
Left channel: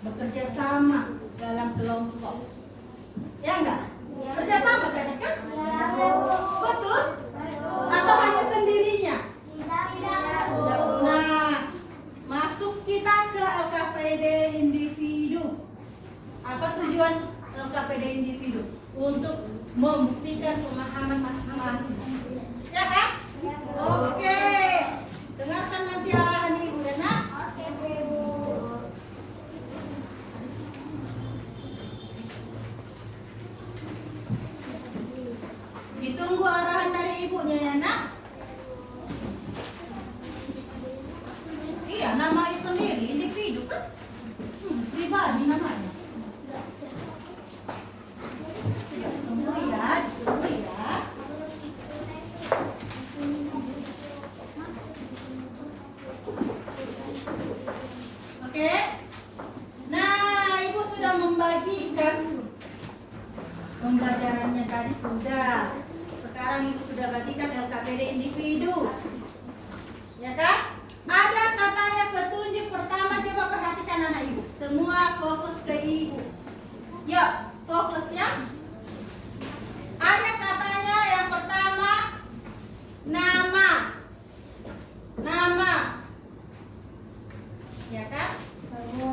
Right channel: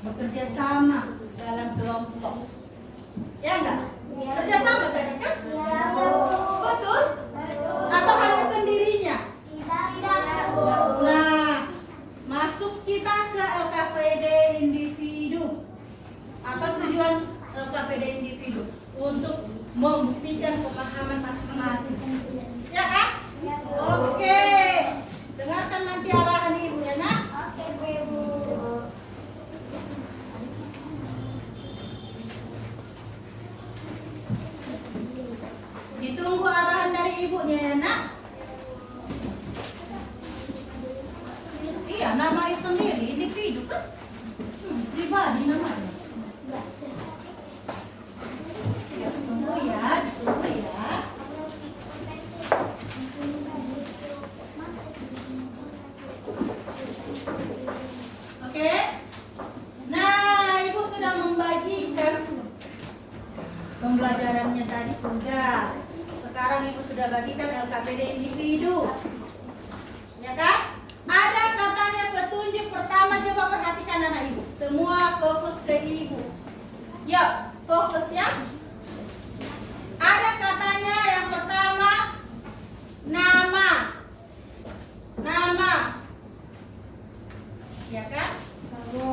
bekerja sama dalam kelompok. Ya enggak? Kerja sama tadi kan? Betul? Atau hanya sendirinya? Nah, masuk kita ke LKPD individu. Apa tujuan LKPD individu? Untuk membuktikan pemahaman masing-masing. Ya kan? Ditunggu arahan dari ibunya ya nak. Iya, nama itu sendiri individu kan, pribadi namanya. Ya, ditunggu ya, ditunggu ya. Oke. Nah, ibu sudah membagikan pembelajarannya tadi sudah. Sekarang ibu sudah bagikan LKPD individu. Ya kan? Ada katanya petunjuk pertama, coba perhatikan anak ibu. Semua fokus ke ibu. Yuk, fokus ya. Ada katanya yang pertama nama. Nama. Ya kan? Lalu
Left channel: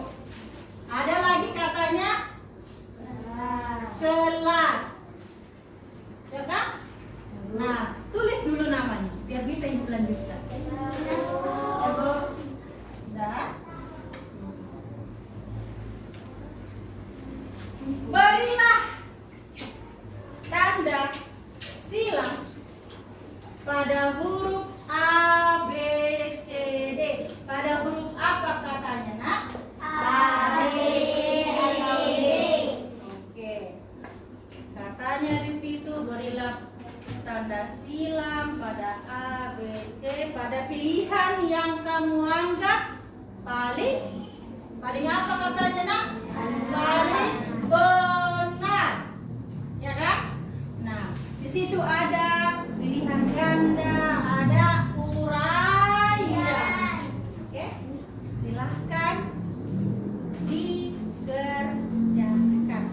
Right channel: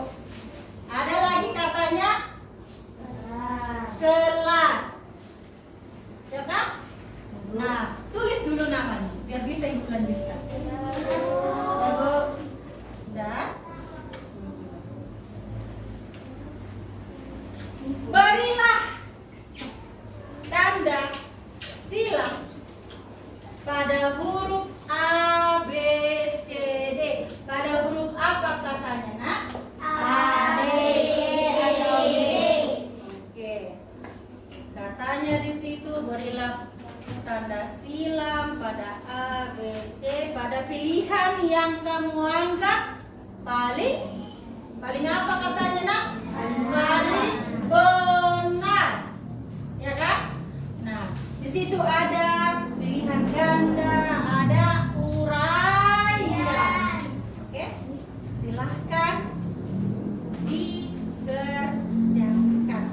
ada lagi katanya kelas. Ya kan? Nah, tulis dulu namanya biar bisa ibu lanjutkan. Sudah. Berilah tanda silang pada huruf A, B, C, D. Pada huruf apa katanya nak? Oke. Katanya di situ berilah tanda silang pada A, B, C pada pilihan yang kamu anggap paling apa katanya nak? Paling benar. Ya kan? Nah, di situ ada pilihan ganda, ada uraian. Oke? Silahkan dikerjakan.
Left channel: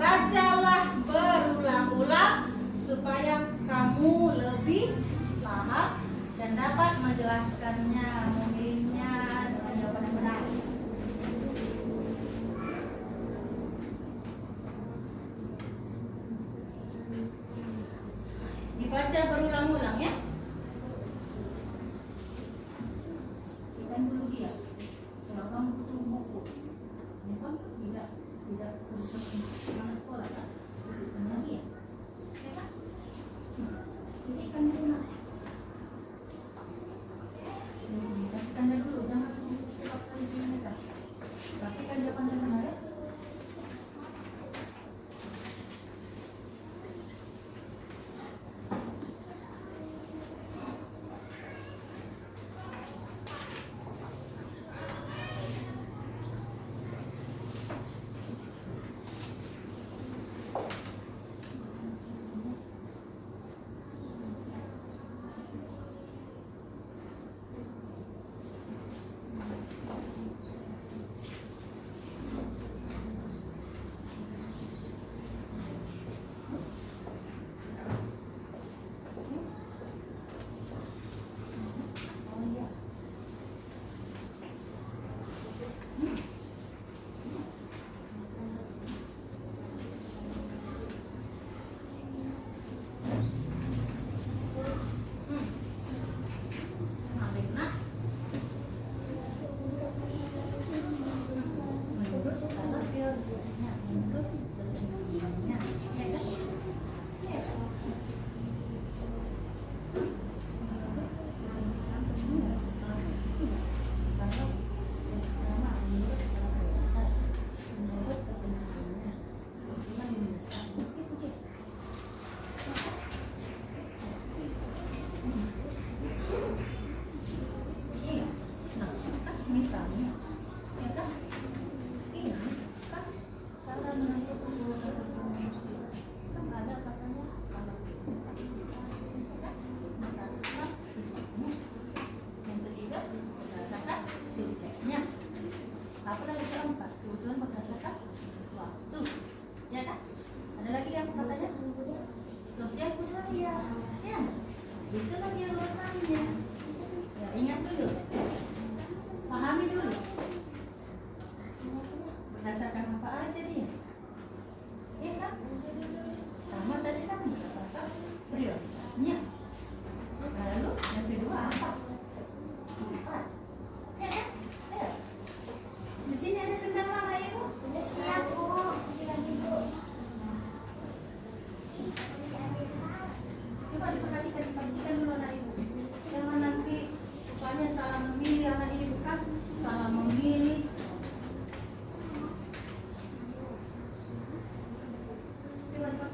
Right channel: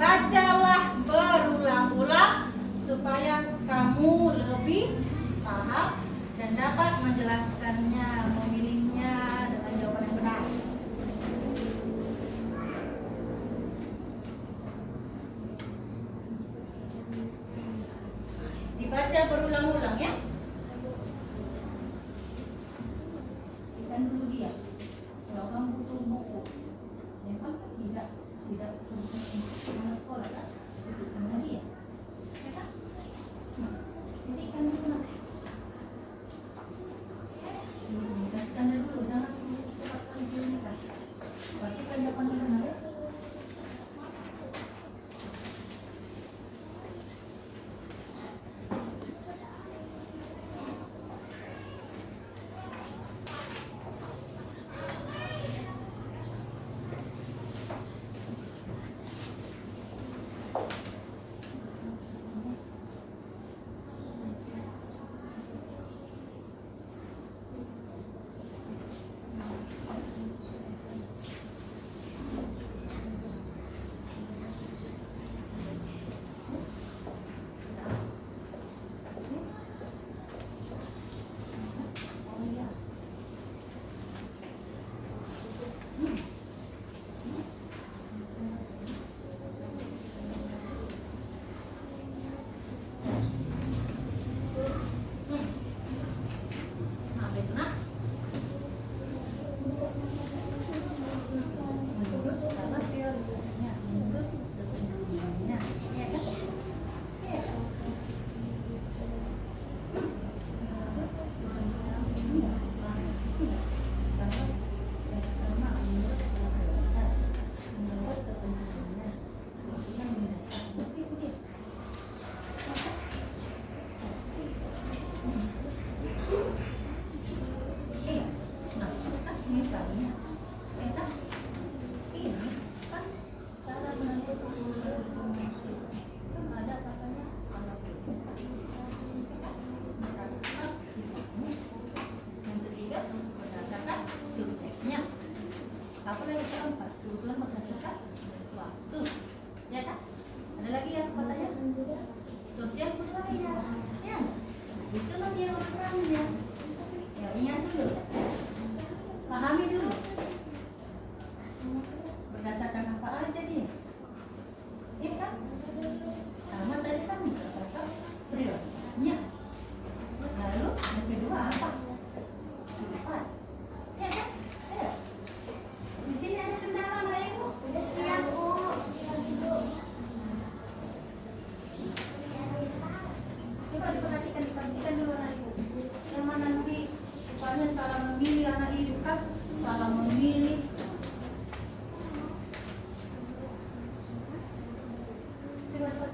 Bacalah berulang-ulang supaya kamu lebih paham dan dapat menjelaskannya, memilihnya dengan jawaban benar. Dibaca berulang-ulang ya. Ikan dulu dia. Kalau kamu butuh buku, memang tidak mana sekolah kan? Ikan lagi ya. Ya kan? Jadi ikan dulu nak. Kasihkan dulu, jangan cepatkan sini kan. Pastikan jawabannya benar ya.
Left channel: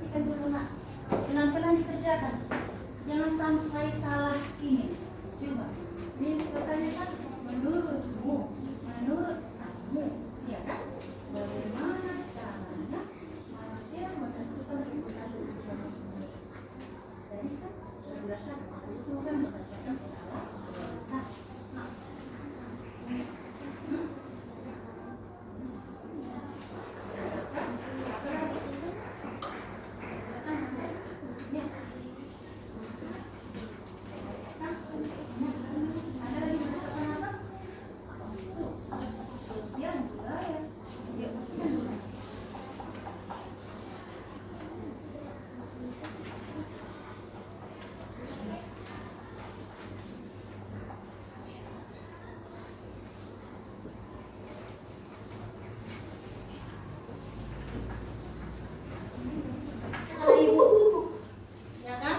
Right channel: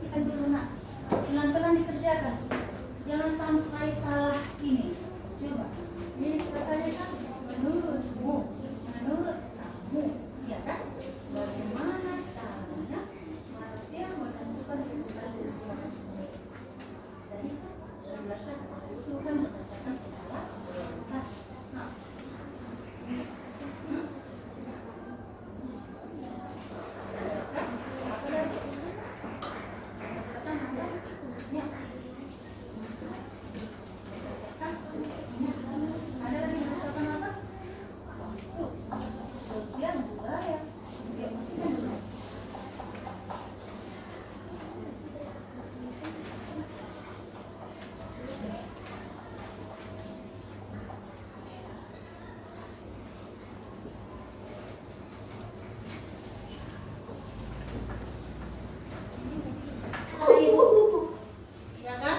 perhatikan dulu nak. Pelan-pelan dikerjakan. Jangan sampai salah ini. Coba. Ini pertanyaan menurutmu, menurut kamu, ya kan? Bagaimana caranya manusia menentukan usaha Jadi kan berdasarkan itu kan berdasarkan skala. Nah, ya kan?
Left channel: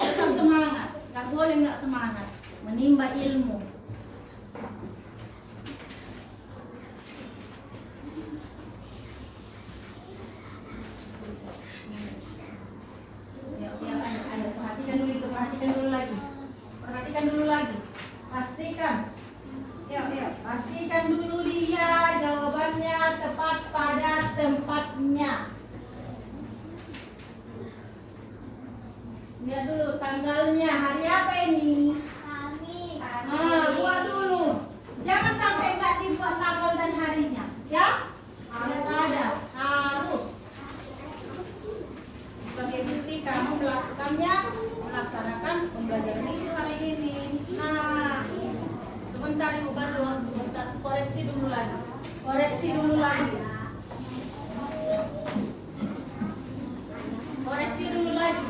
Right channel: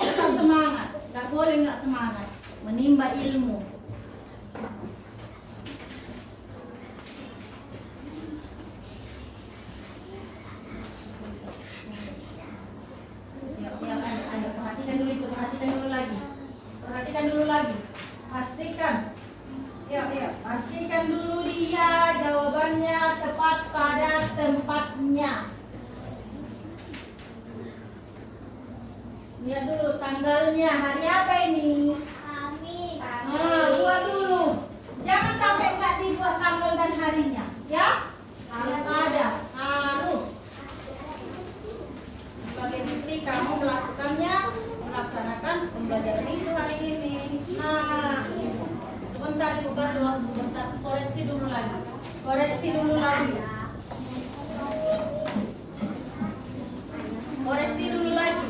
Tetap semangat, nggak boleh nggak semangat, menimba ilmu. Ya, ayo, perhatikan dulu itu, perhatikan dulu lagi, perhatikan dulu lagi, pastikan. Ya, pastikan dulu dia jawabannya tepat pada tempatnya. Lihat dulu tanggalnya, hari apa ini? Kamis. Nah, buat dulu. Jangan sampai nggak dibuat tanggal dan harinya, ya? Harus ada, harus. Sebagai bukti kamu melaksanakan pembelajaran itu hari ini. Nah, sebentar ibu baru, sebentar koreksi dulu lagi. Koreksi dulu lagi. Koreksi dulu lagi.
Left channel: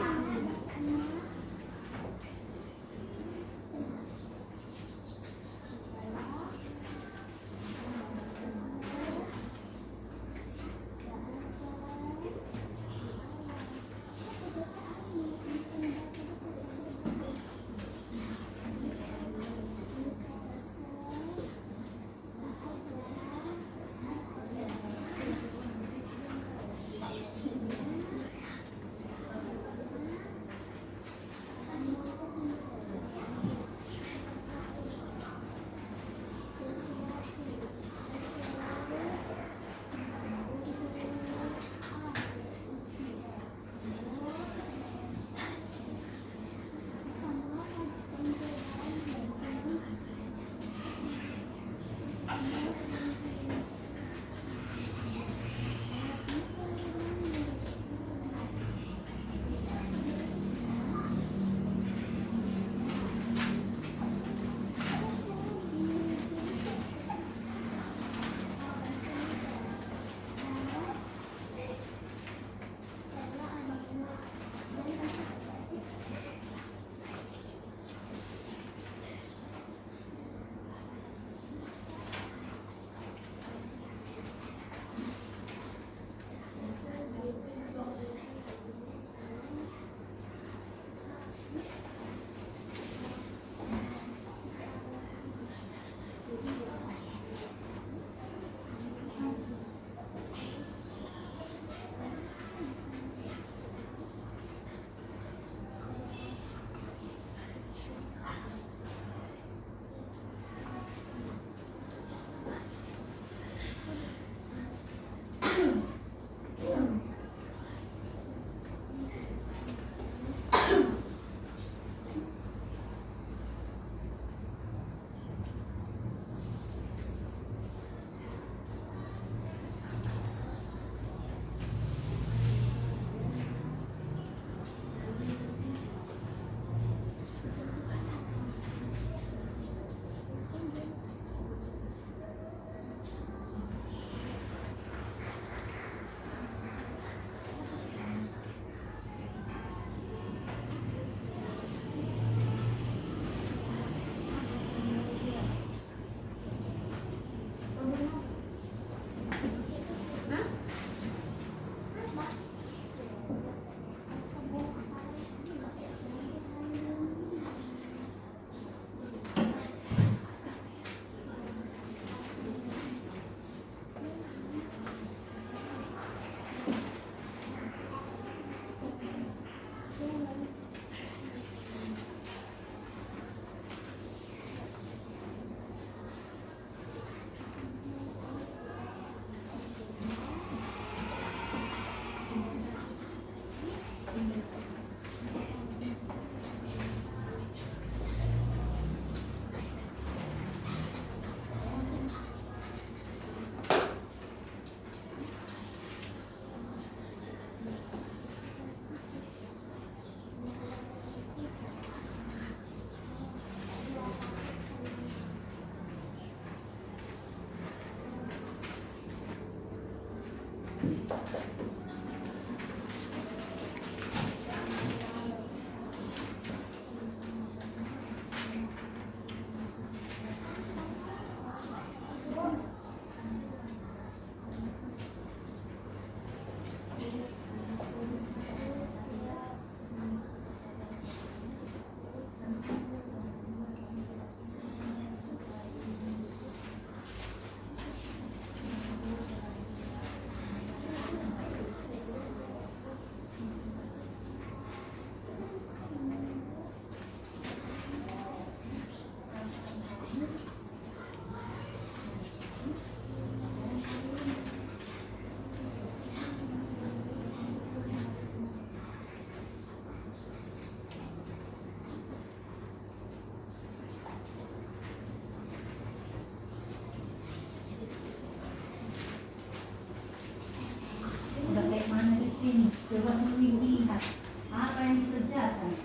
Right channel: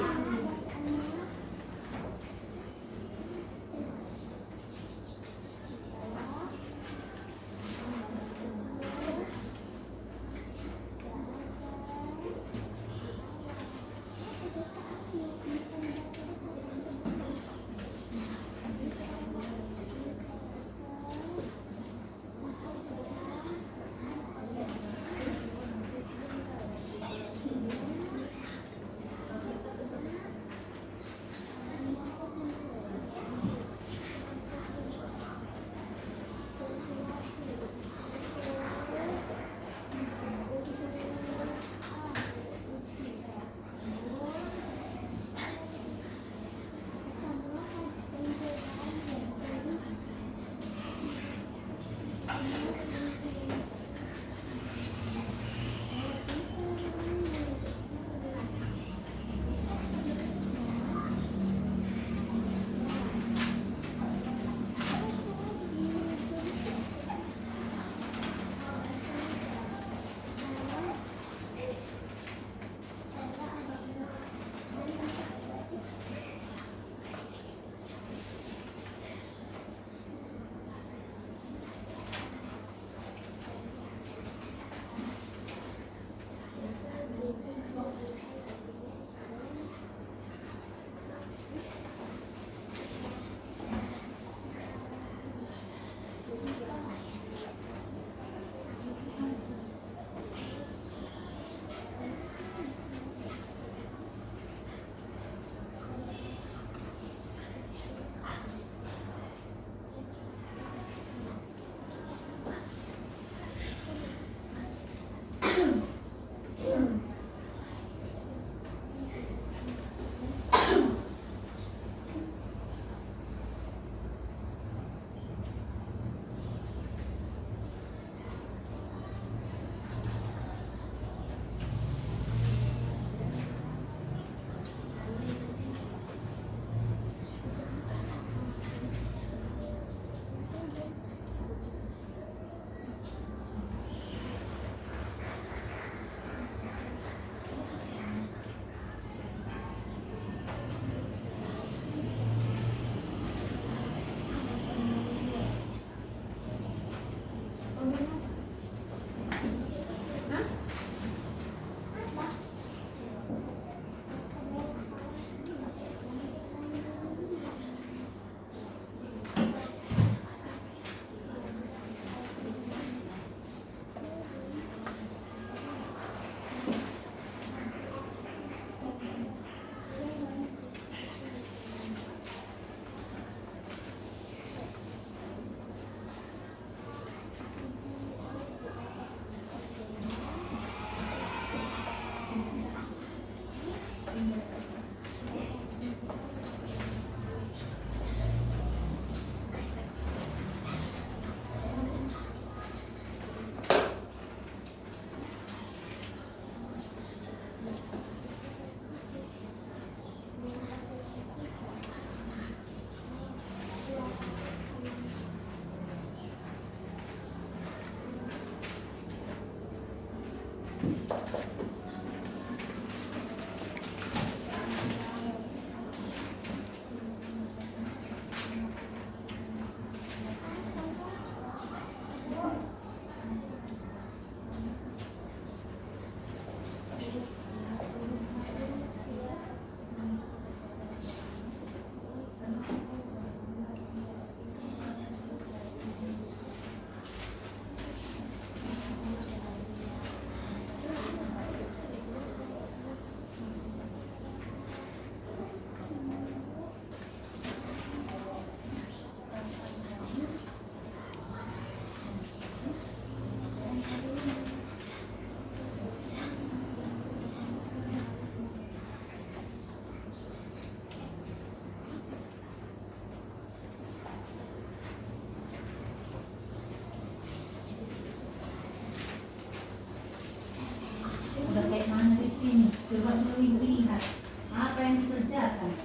lihat apa yang dikerjakan.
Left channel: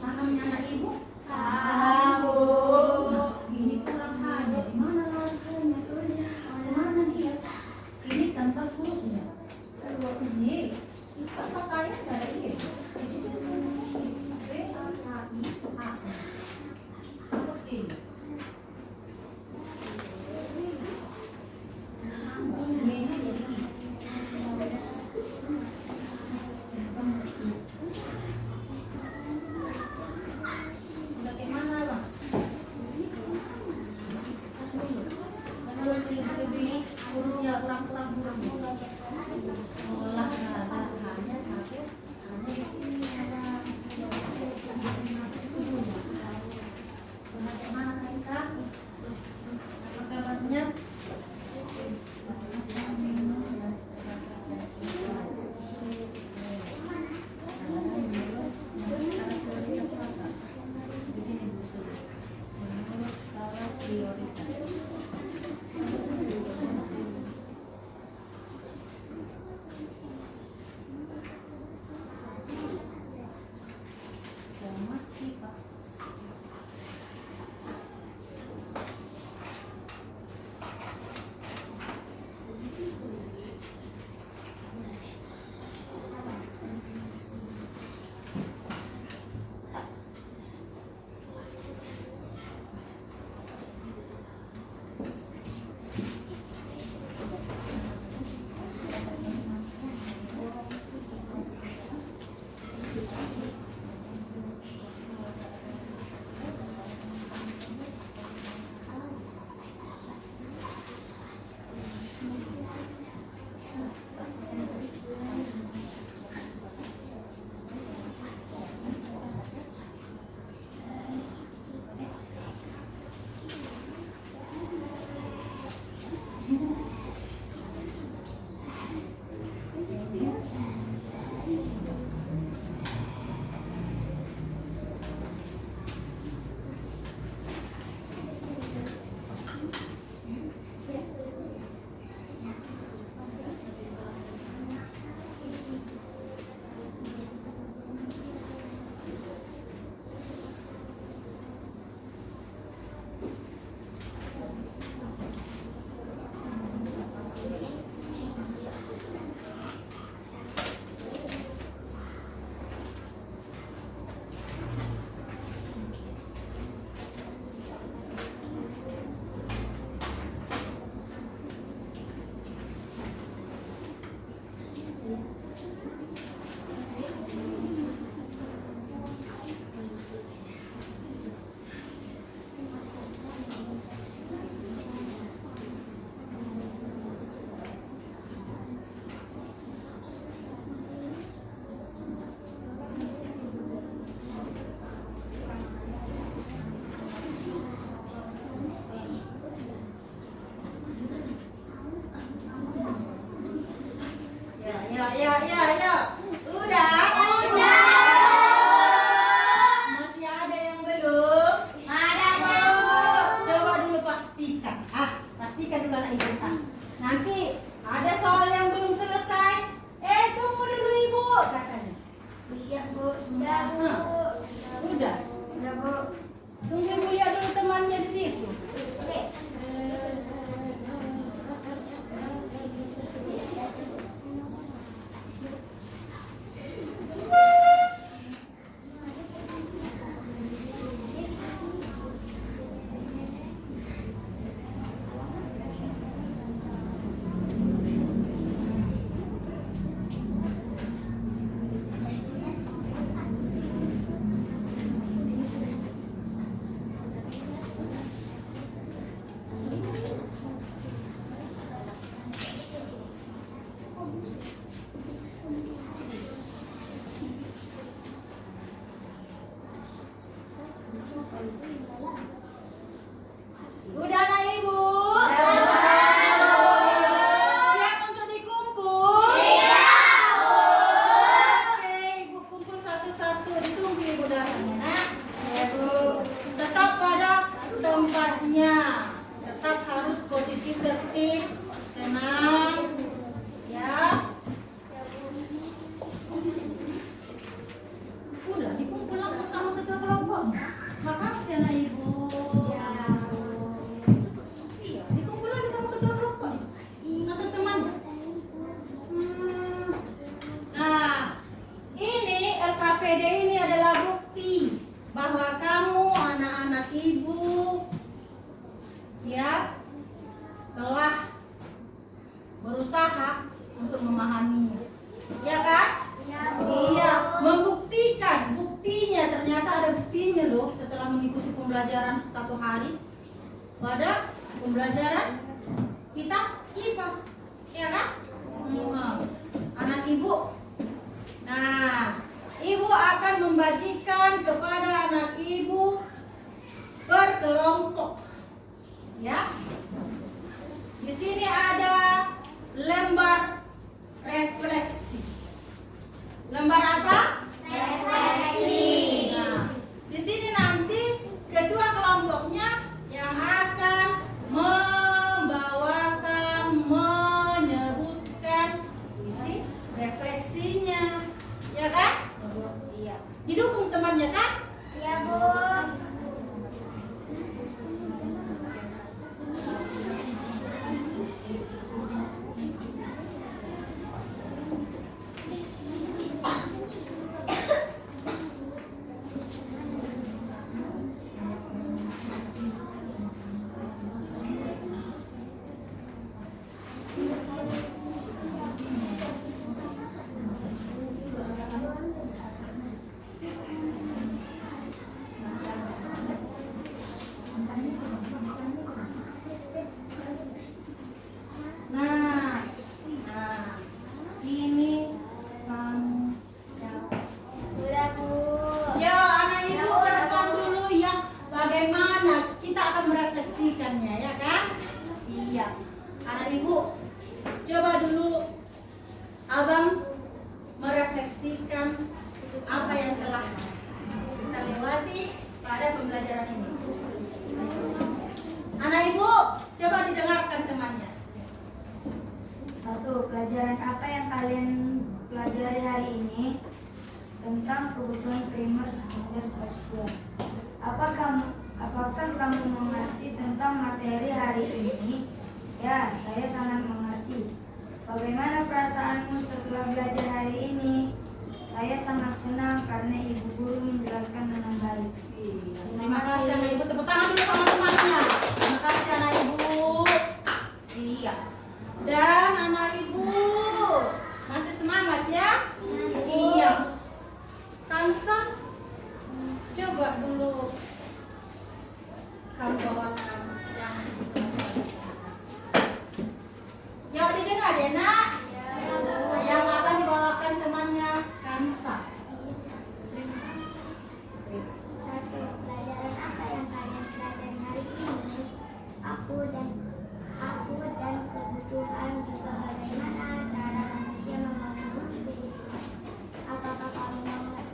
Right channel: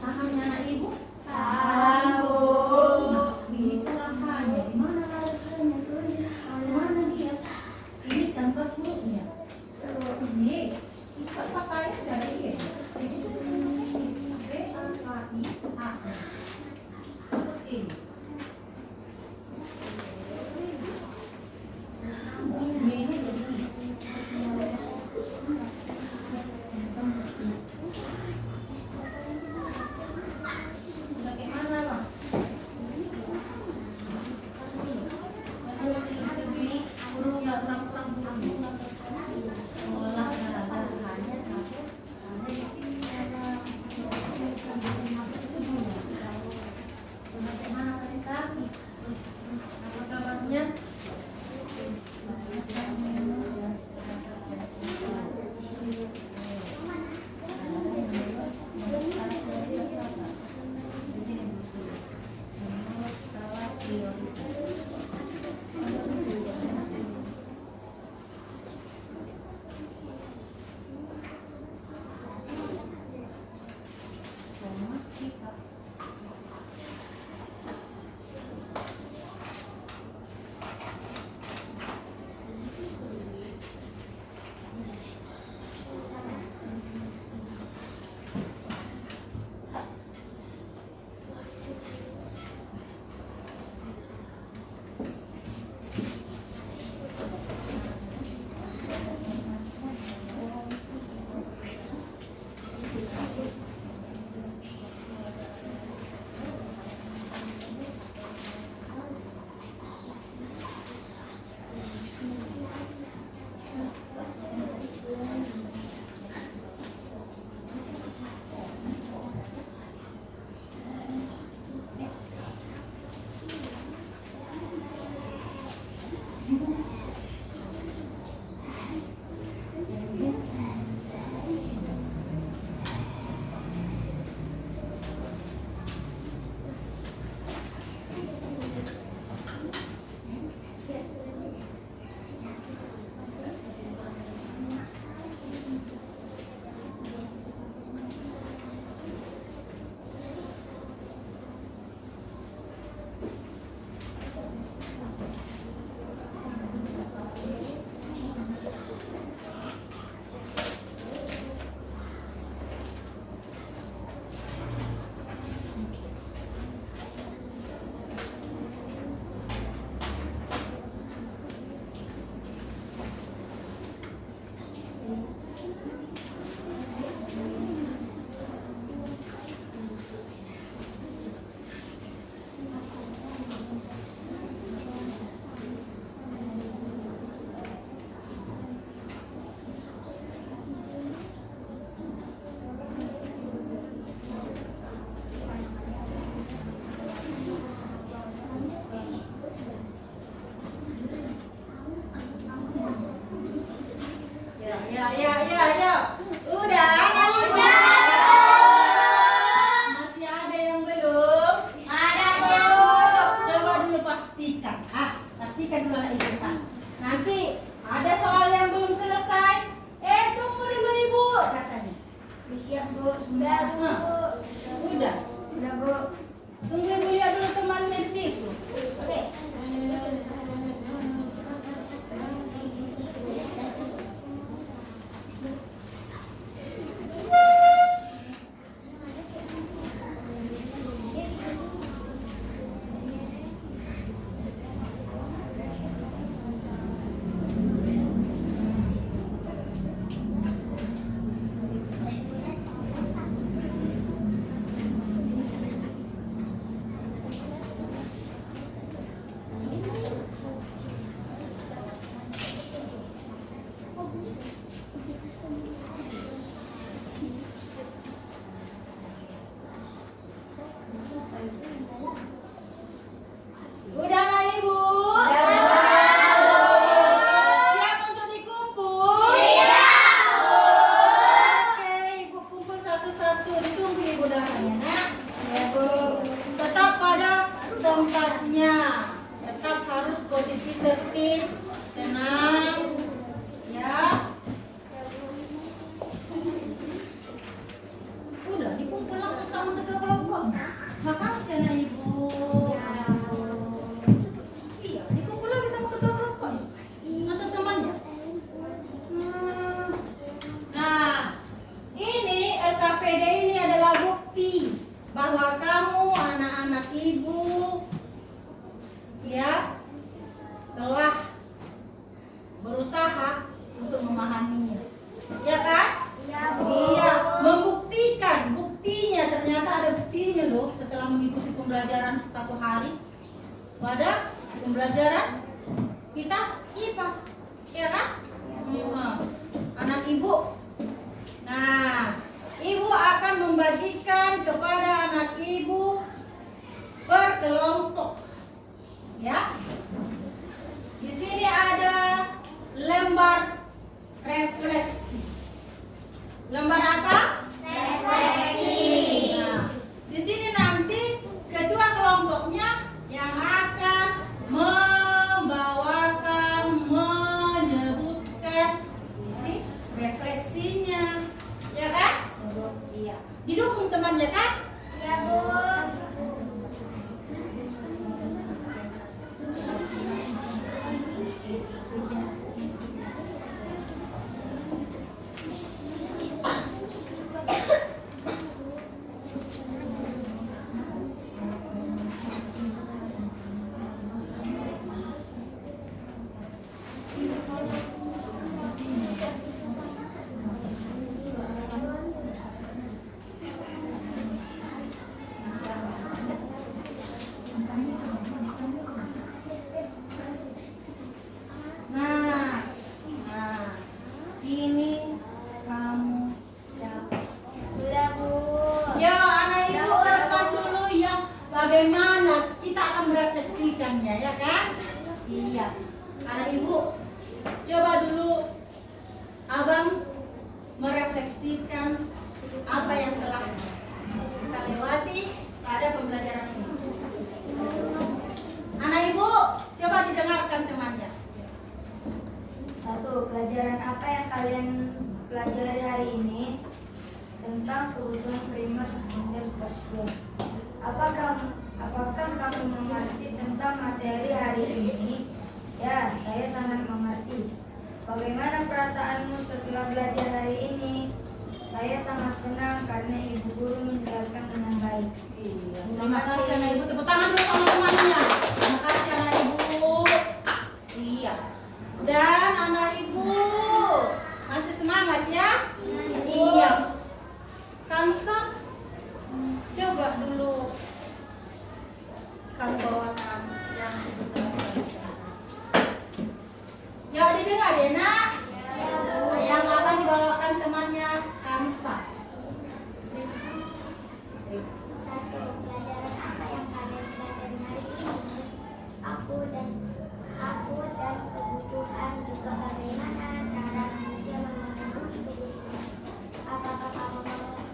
Pahamnya anak ibu? Paham, Bu. Nah, ini kurang hanya. Di mana larinya? Mana dia? Ini tanpa hurufnya. Ini kita pakai dari ini. B-A-K-I-A. Huruf ini. Ini jadi ini. Bagaimana, Bang? Hurufnya kurang-kurang. Olah nggak ada hanya tapi ada di sini ada. Bagaimana, Raisa? Apa kabarnya? Ya. Udah. Masih ada yang belum? Ada, Bu. Coba dulu pastikan. Pastikan dulu anak ibu. Nanti ada soal yang belum selesai. Tunggu dulu ibu katanya. Siap, Bu. Sudah, Bu. Udah. Sudah, Bu. Tunggu ibu lihat dulu temannya di situ. Oke. pembelajaran satu hari pada pembelajaran kita IPA, ya kan? Anak ibu. Nah, ibu akan membagikan kepada anak ibu berkelompok, ya. Di sini ada lembar refleksi. Lembar apa? Refleksi. Nah, di sini nanti ketua kelompoknya yang akan membawakan, menyebutkan isi refleksinya, ya kan? Iya. Didukung temannya kan? Ya, Bu. Nah, ini kamu jawab. Sudah, Bu. Ya, anak ibu ke depan dulu ya. Bagaimana kita akan merefleksikannya, ya kan? Iya. Anak ibu, coba dulu abang merefleksikan apa yang telah kita lewati pada pembelajaran ini. Anak ibu, coba didengarkan temannya. 1. Pelajaran apa yang kalian pelajari hari ini? Tentang kebutuhan primer, sekunder, tersier. Apakah kamu mengerti tentang materi hari ini? Ya, saya sangat mengerti. Bagaimana perasaanmu setelah belajar hari ini? Saya sangat senang karena ibu guru menjelaskan dengan baik. Terima kasih anak ibu. Tepuk tangan dulu sama temannya. Terima kasih anak ibu. Iya. Dan anak ibu masih semangat ya? Iya. Kamsa, coba dulu kamu bawakan yang ya didengar ya nak? Yang akan dibawakan temannya Kamsa. 1. Pelajaran apa yang kalian pelajari hari ini? Aku dan kebutuhan, juga bagaimana cara manusia memenuhi kebutuhan. Apakah kamu mengerti?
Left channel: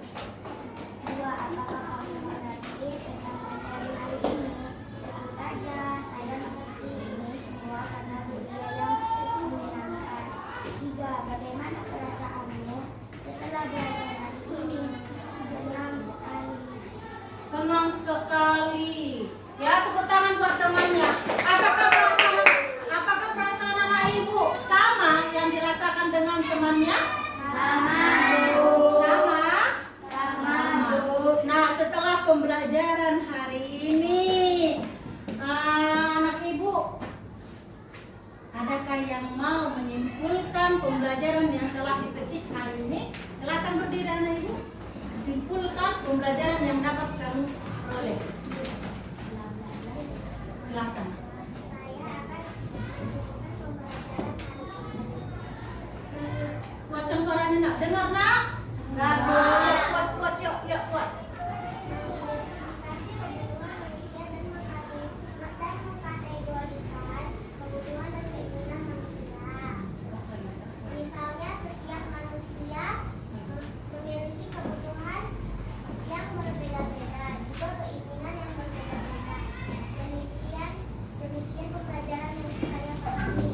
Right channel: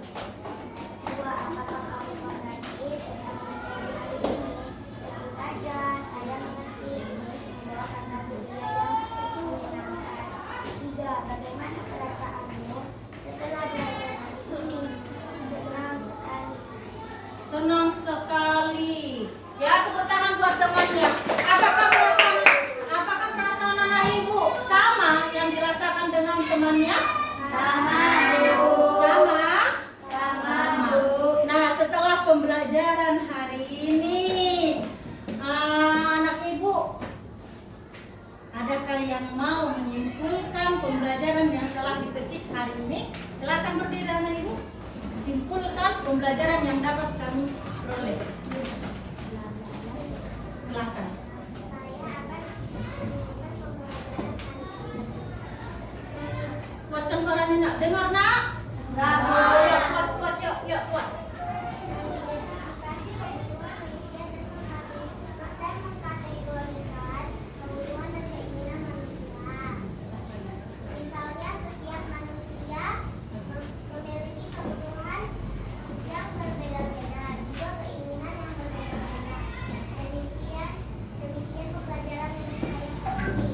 2. Apakah kamu mengerti tentang materi hari ini? Tentu saja, saya mengerti ini semua karena media yang menyenangkan. 3. Bagaimana perasaanmu setelah belajar hari ini? Senang sekali. Ya, tepuk tangan buat temannya. Apakah perasaan anak ibu sama yang dirasakan dengan temannya? Sama, Sama? Sama, Bu. Nah, setelah pembelajaran hari ini, anak ibu, adakah yang mau menyimpulkan pembelajaran yang telah dipetik hari ini? Silakan berdiri anak ibu. Simpulkan pembelajaran yang dapat kamu peroleh. Silakan. Kuatkan suaranya nak. Dengar nak? Enggak, Bu. Ya, kuat, yuk, kuat. Misalnya, setiap manusia memiliki kebutuhan yang berbeda-beda, juga keinginan yang berbeda-beda. Demikian pembelajaran yang saya pahami.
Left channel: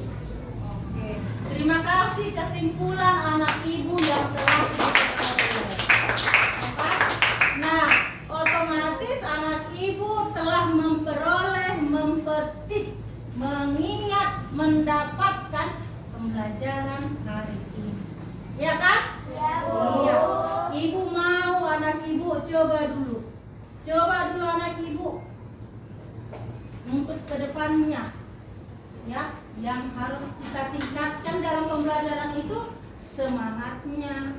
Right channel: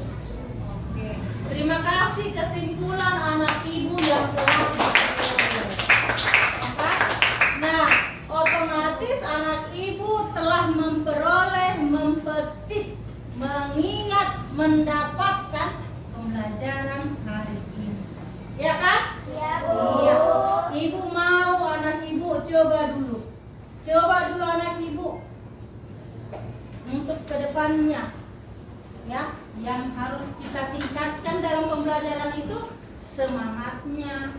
Oke. Terima kasih kesimpulan anak ibu yang telah diperoleh. Apa? Nah, otomatis anak ibu telah memperoleh, mempetik, mengingat, mendapatkan pembelajaran hari ini. Ya kan? Ya, Iya. Ibu mau anak ibu coba dulu anak ibu untuk kedepannya, ya, yang harus kita tingkatkan dalam pembelajaran itu semangatnya,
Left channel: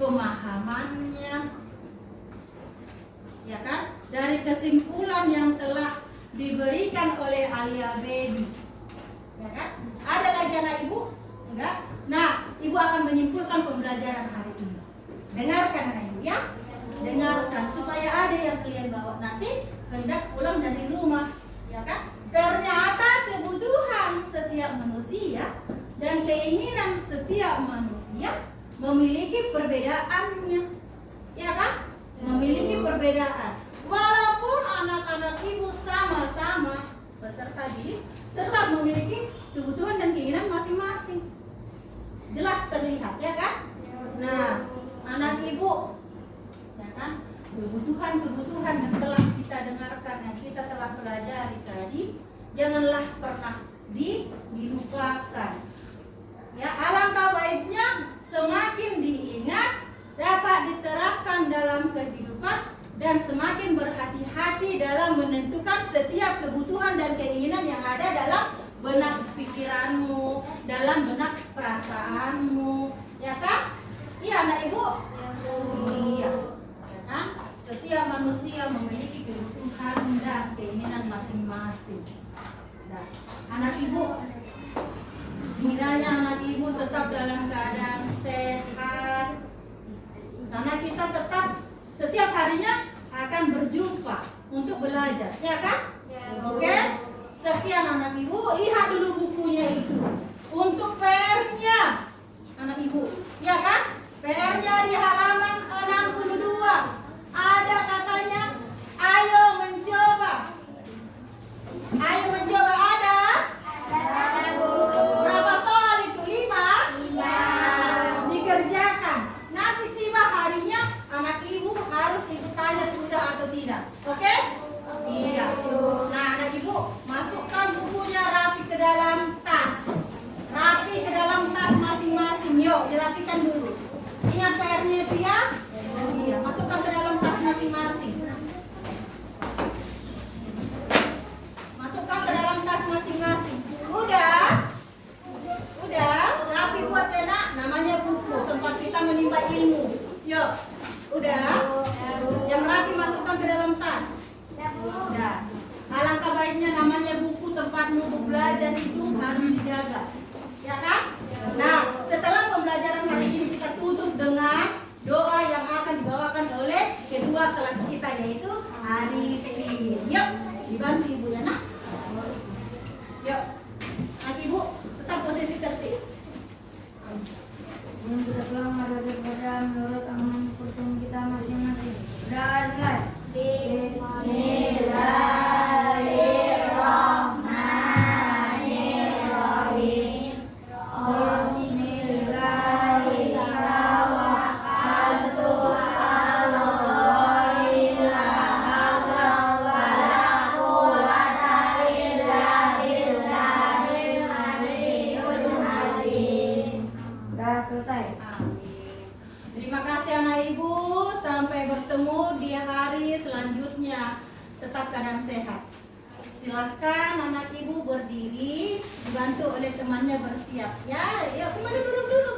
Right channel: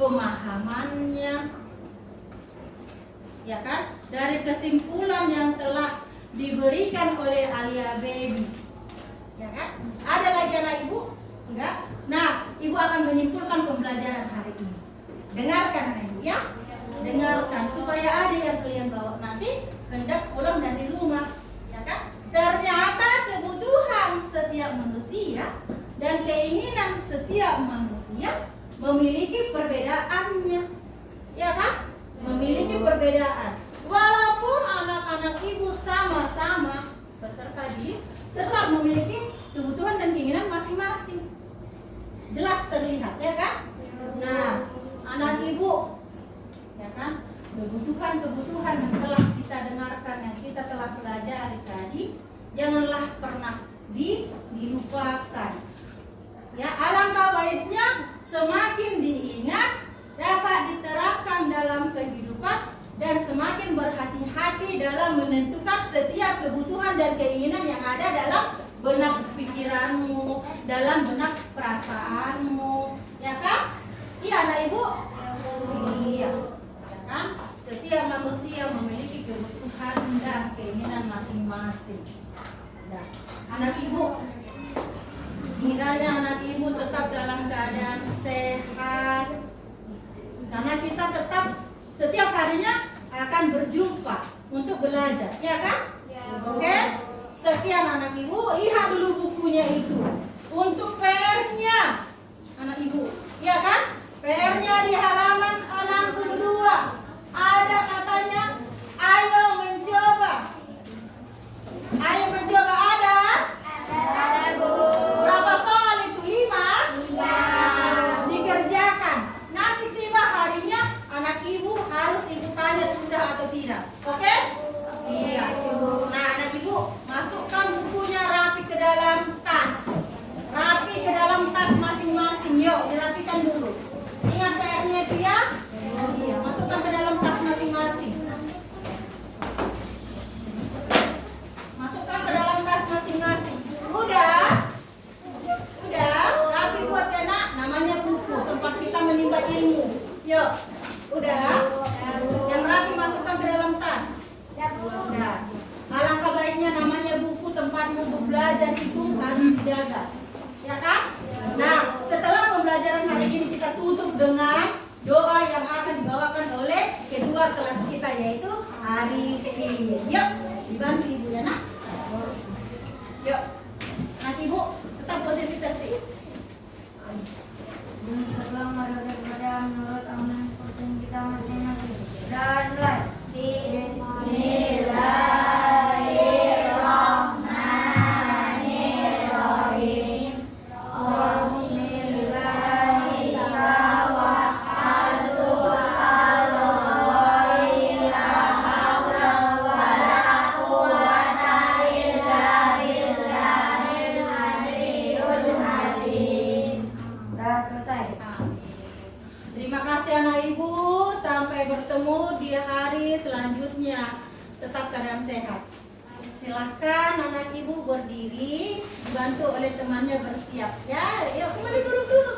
pemahamannya, ya kan? Dari kesimpulan yang telah diberikan oleh Alia Baby, ya kan? Ada lagi anak ibu? Enggak? Nah, ibu akan menyimpulkan pembelajaran hari ini. Dengarkan anak ibu ya, dengarkan supaya ada yang kalian bawa nanti hendak pulang dari rumah, ya kan? Ternyata kebutuhan setiap manusia dan keinginan setiap manusia memiliki perbedaannya, ya kan? Memiliki perbedaan. Walaupun anak-anak ibu sama-sama peserta didik, tetap memiliki kebutuhan dan keinginan masing-masing. Jelas terlihat, ya kan? Nah, anak ibu, ya kan? Kebutuhan-kebutuhan yang telah kita dengarkan, yang kita telah pelajari tadi, janganlah pernah dilupakan. Ya, alangkah baiknya semakin diingat, dapat diterapkan dalam kehidupan, dan semakin berhati-hati dalam menentukan setiap kebutuhan dan keinginan yang ada dalam benak pikiranmu, dalam benak perasaanmu, ya kan? Iya anak ibu? Iya, ya kan? Setiap manusia memiliki kebutuhan dan keinginan masing-masing. Nah, anak ibu, kiranya anak ibu tetap dalam keadaan sehat, karena kita tetap setiap harinya akan berjumpa untuk belajar, ya kan? Oke? Sekian anak ibu, lihat dulu bukunya itu. Untuk PR-nya anak ibu, ya kan? PR-nya di halaman 62. Ada katanya, ayo mencoba. Ayo mencoba ada? Ada Bu. Berapa soal itu? 5? Dikerjakan. Nanti tiba harinya anak ibu harus ibu tanya sudah atau tidak. Oke? Iya. Nah anak ibu masukkan bukunya rapi ke dalam tas. Rapi ke dalam tas masing-masing. Yuk dirapikan dulu. Ingat PR-nya itu ya? Iya. Masukkan ke dalam tas masing-masing. Masukkan ke dalam tas masing-masing. Udah? Udah? Rapi buat enak. Namanya buku. Tempat kita menimba ilmu. Yuk. Udah? Yang rapi masukkan ke dalam tas. Udah. Alangkah baiknya namanya buku tempatmu belajar itu harus dijaga. Ya kan? Nah, setelah pembelajaran hari ini kita tutup dengan doa yang akan dibawakan oleh kedua kelas kita yaitu Arifin. Yuk, dibantu ibu ya nak. Yuk, nanti ibu tetap posisi tertib. Setelah mari kepada menurut aman kursus kita masing-masing. Dan mulai. Bismillahirrahmanirrahim. Bismillahirrahmanirrahim. Sudah selesai. Terima kasih anak ibu. Sampai bertemu di hari selanjutnya. Tetap keadaan sehat. Silakan anak ibu berdiri, dibantu oleh temannya bersiap. Ya, kembali duduk dulu.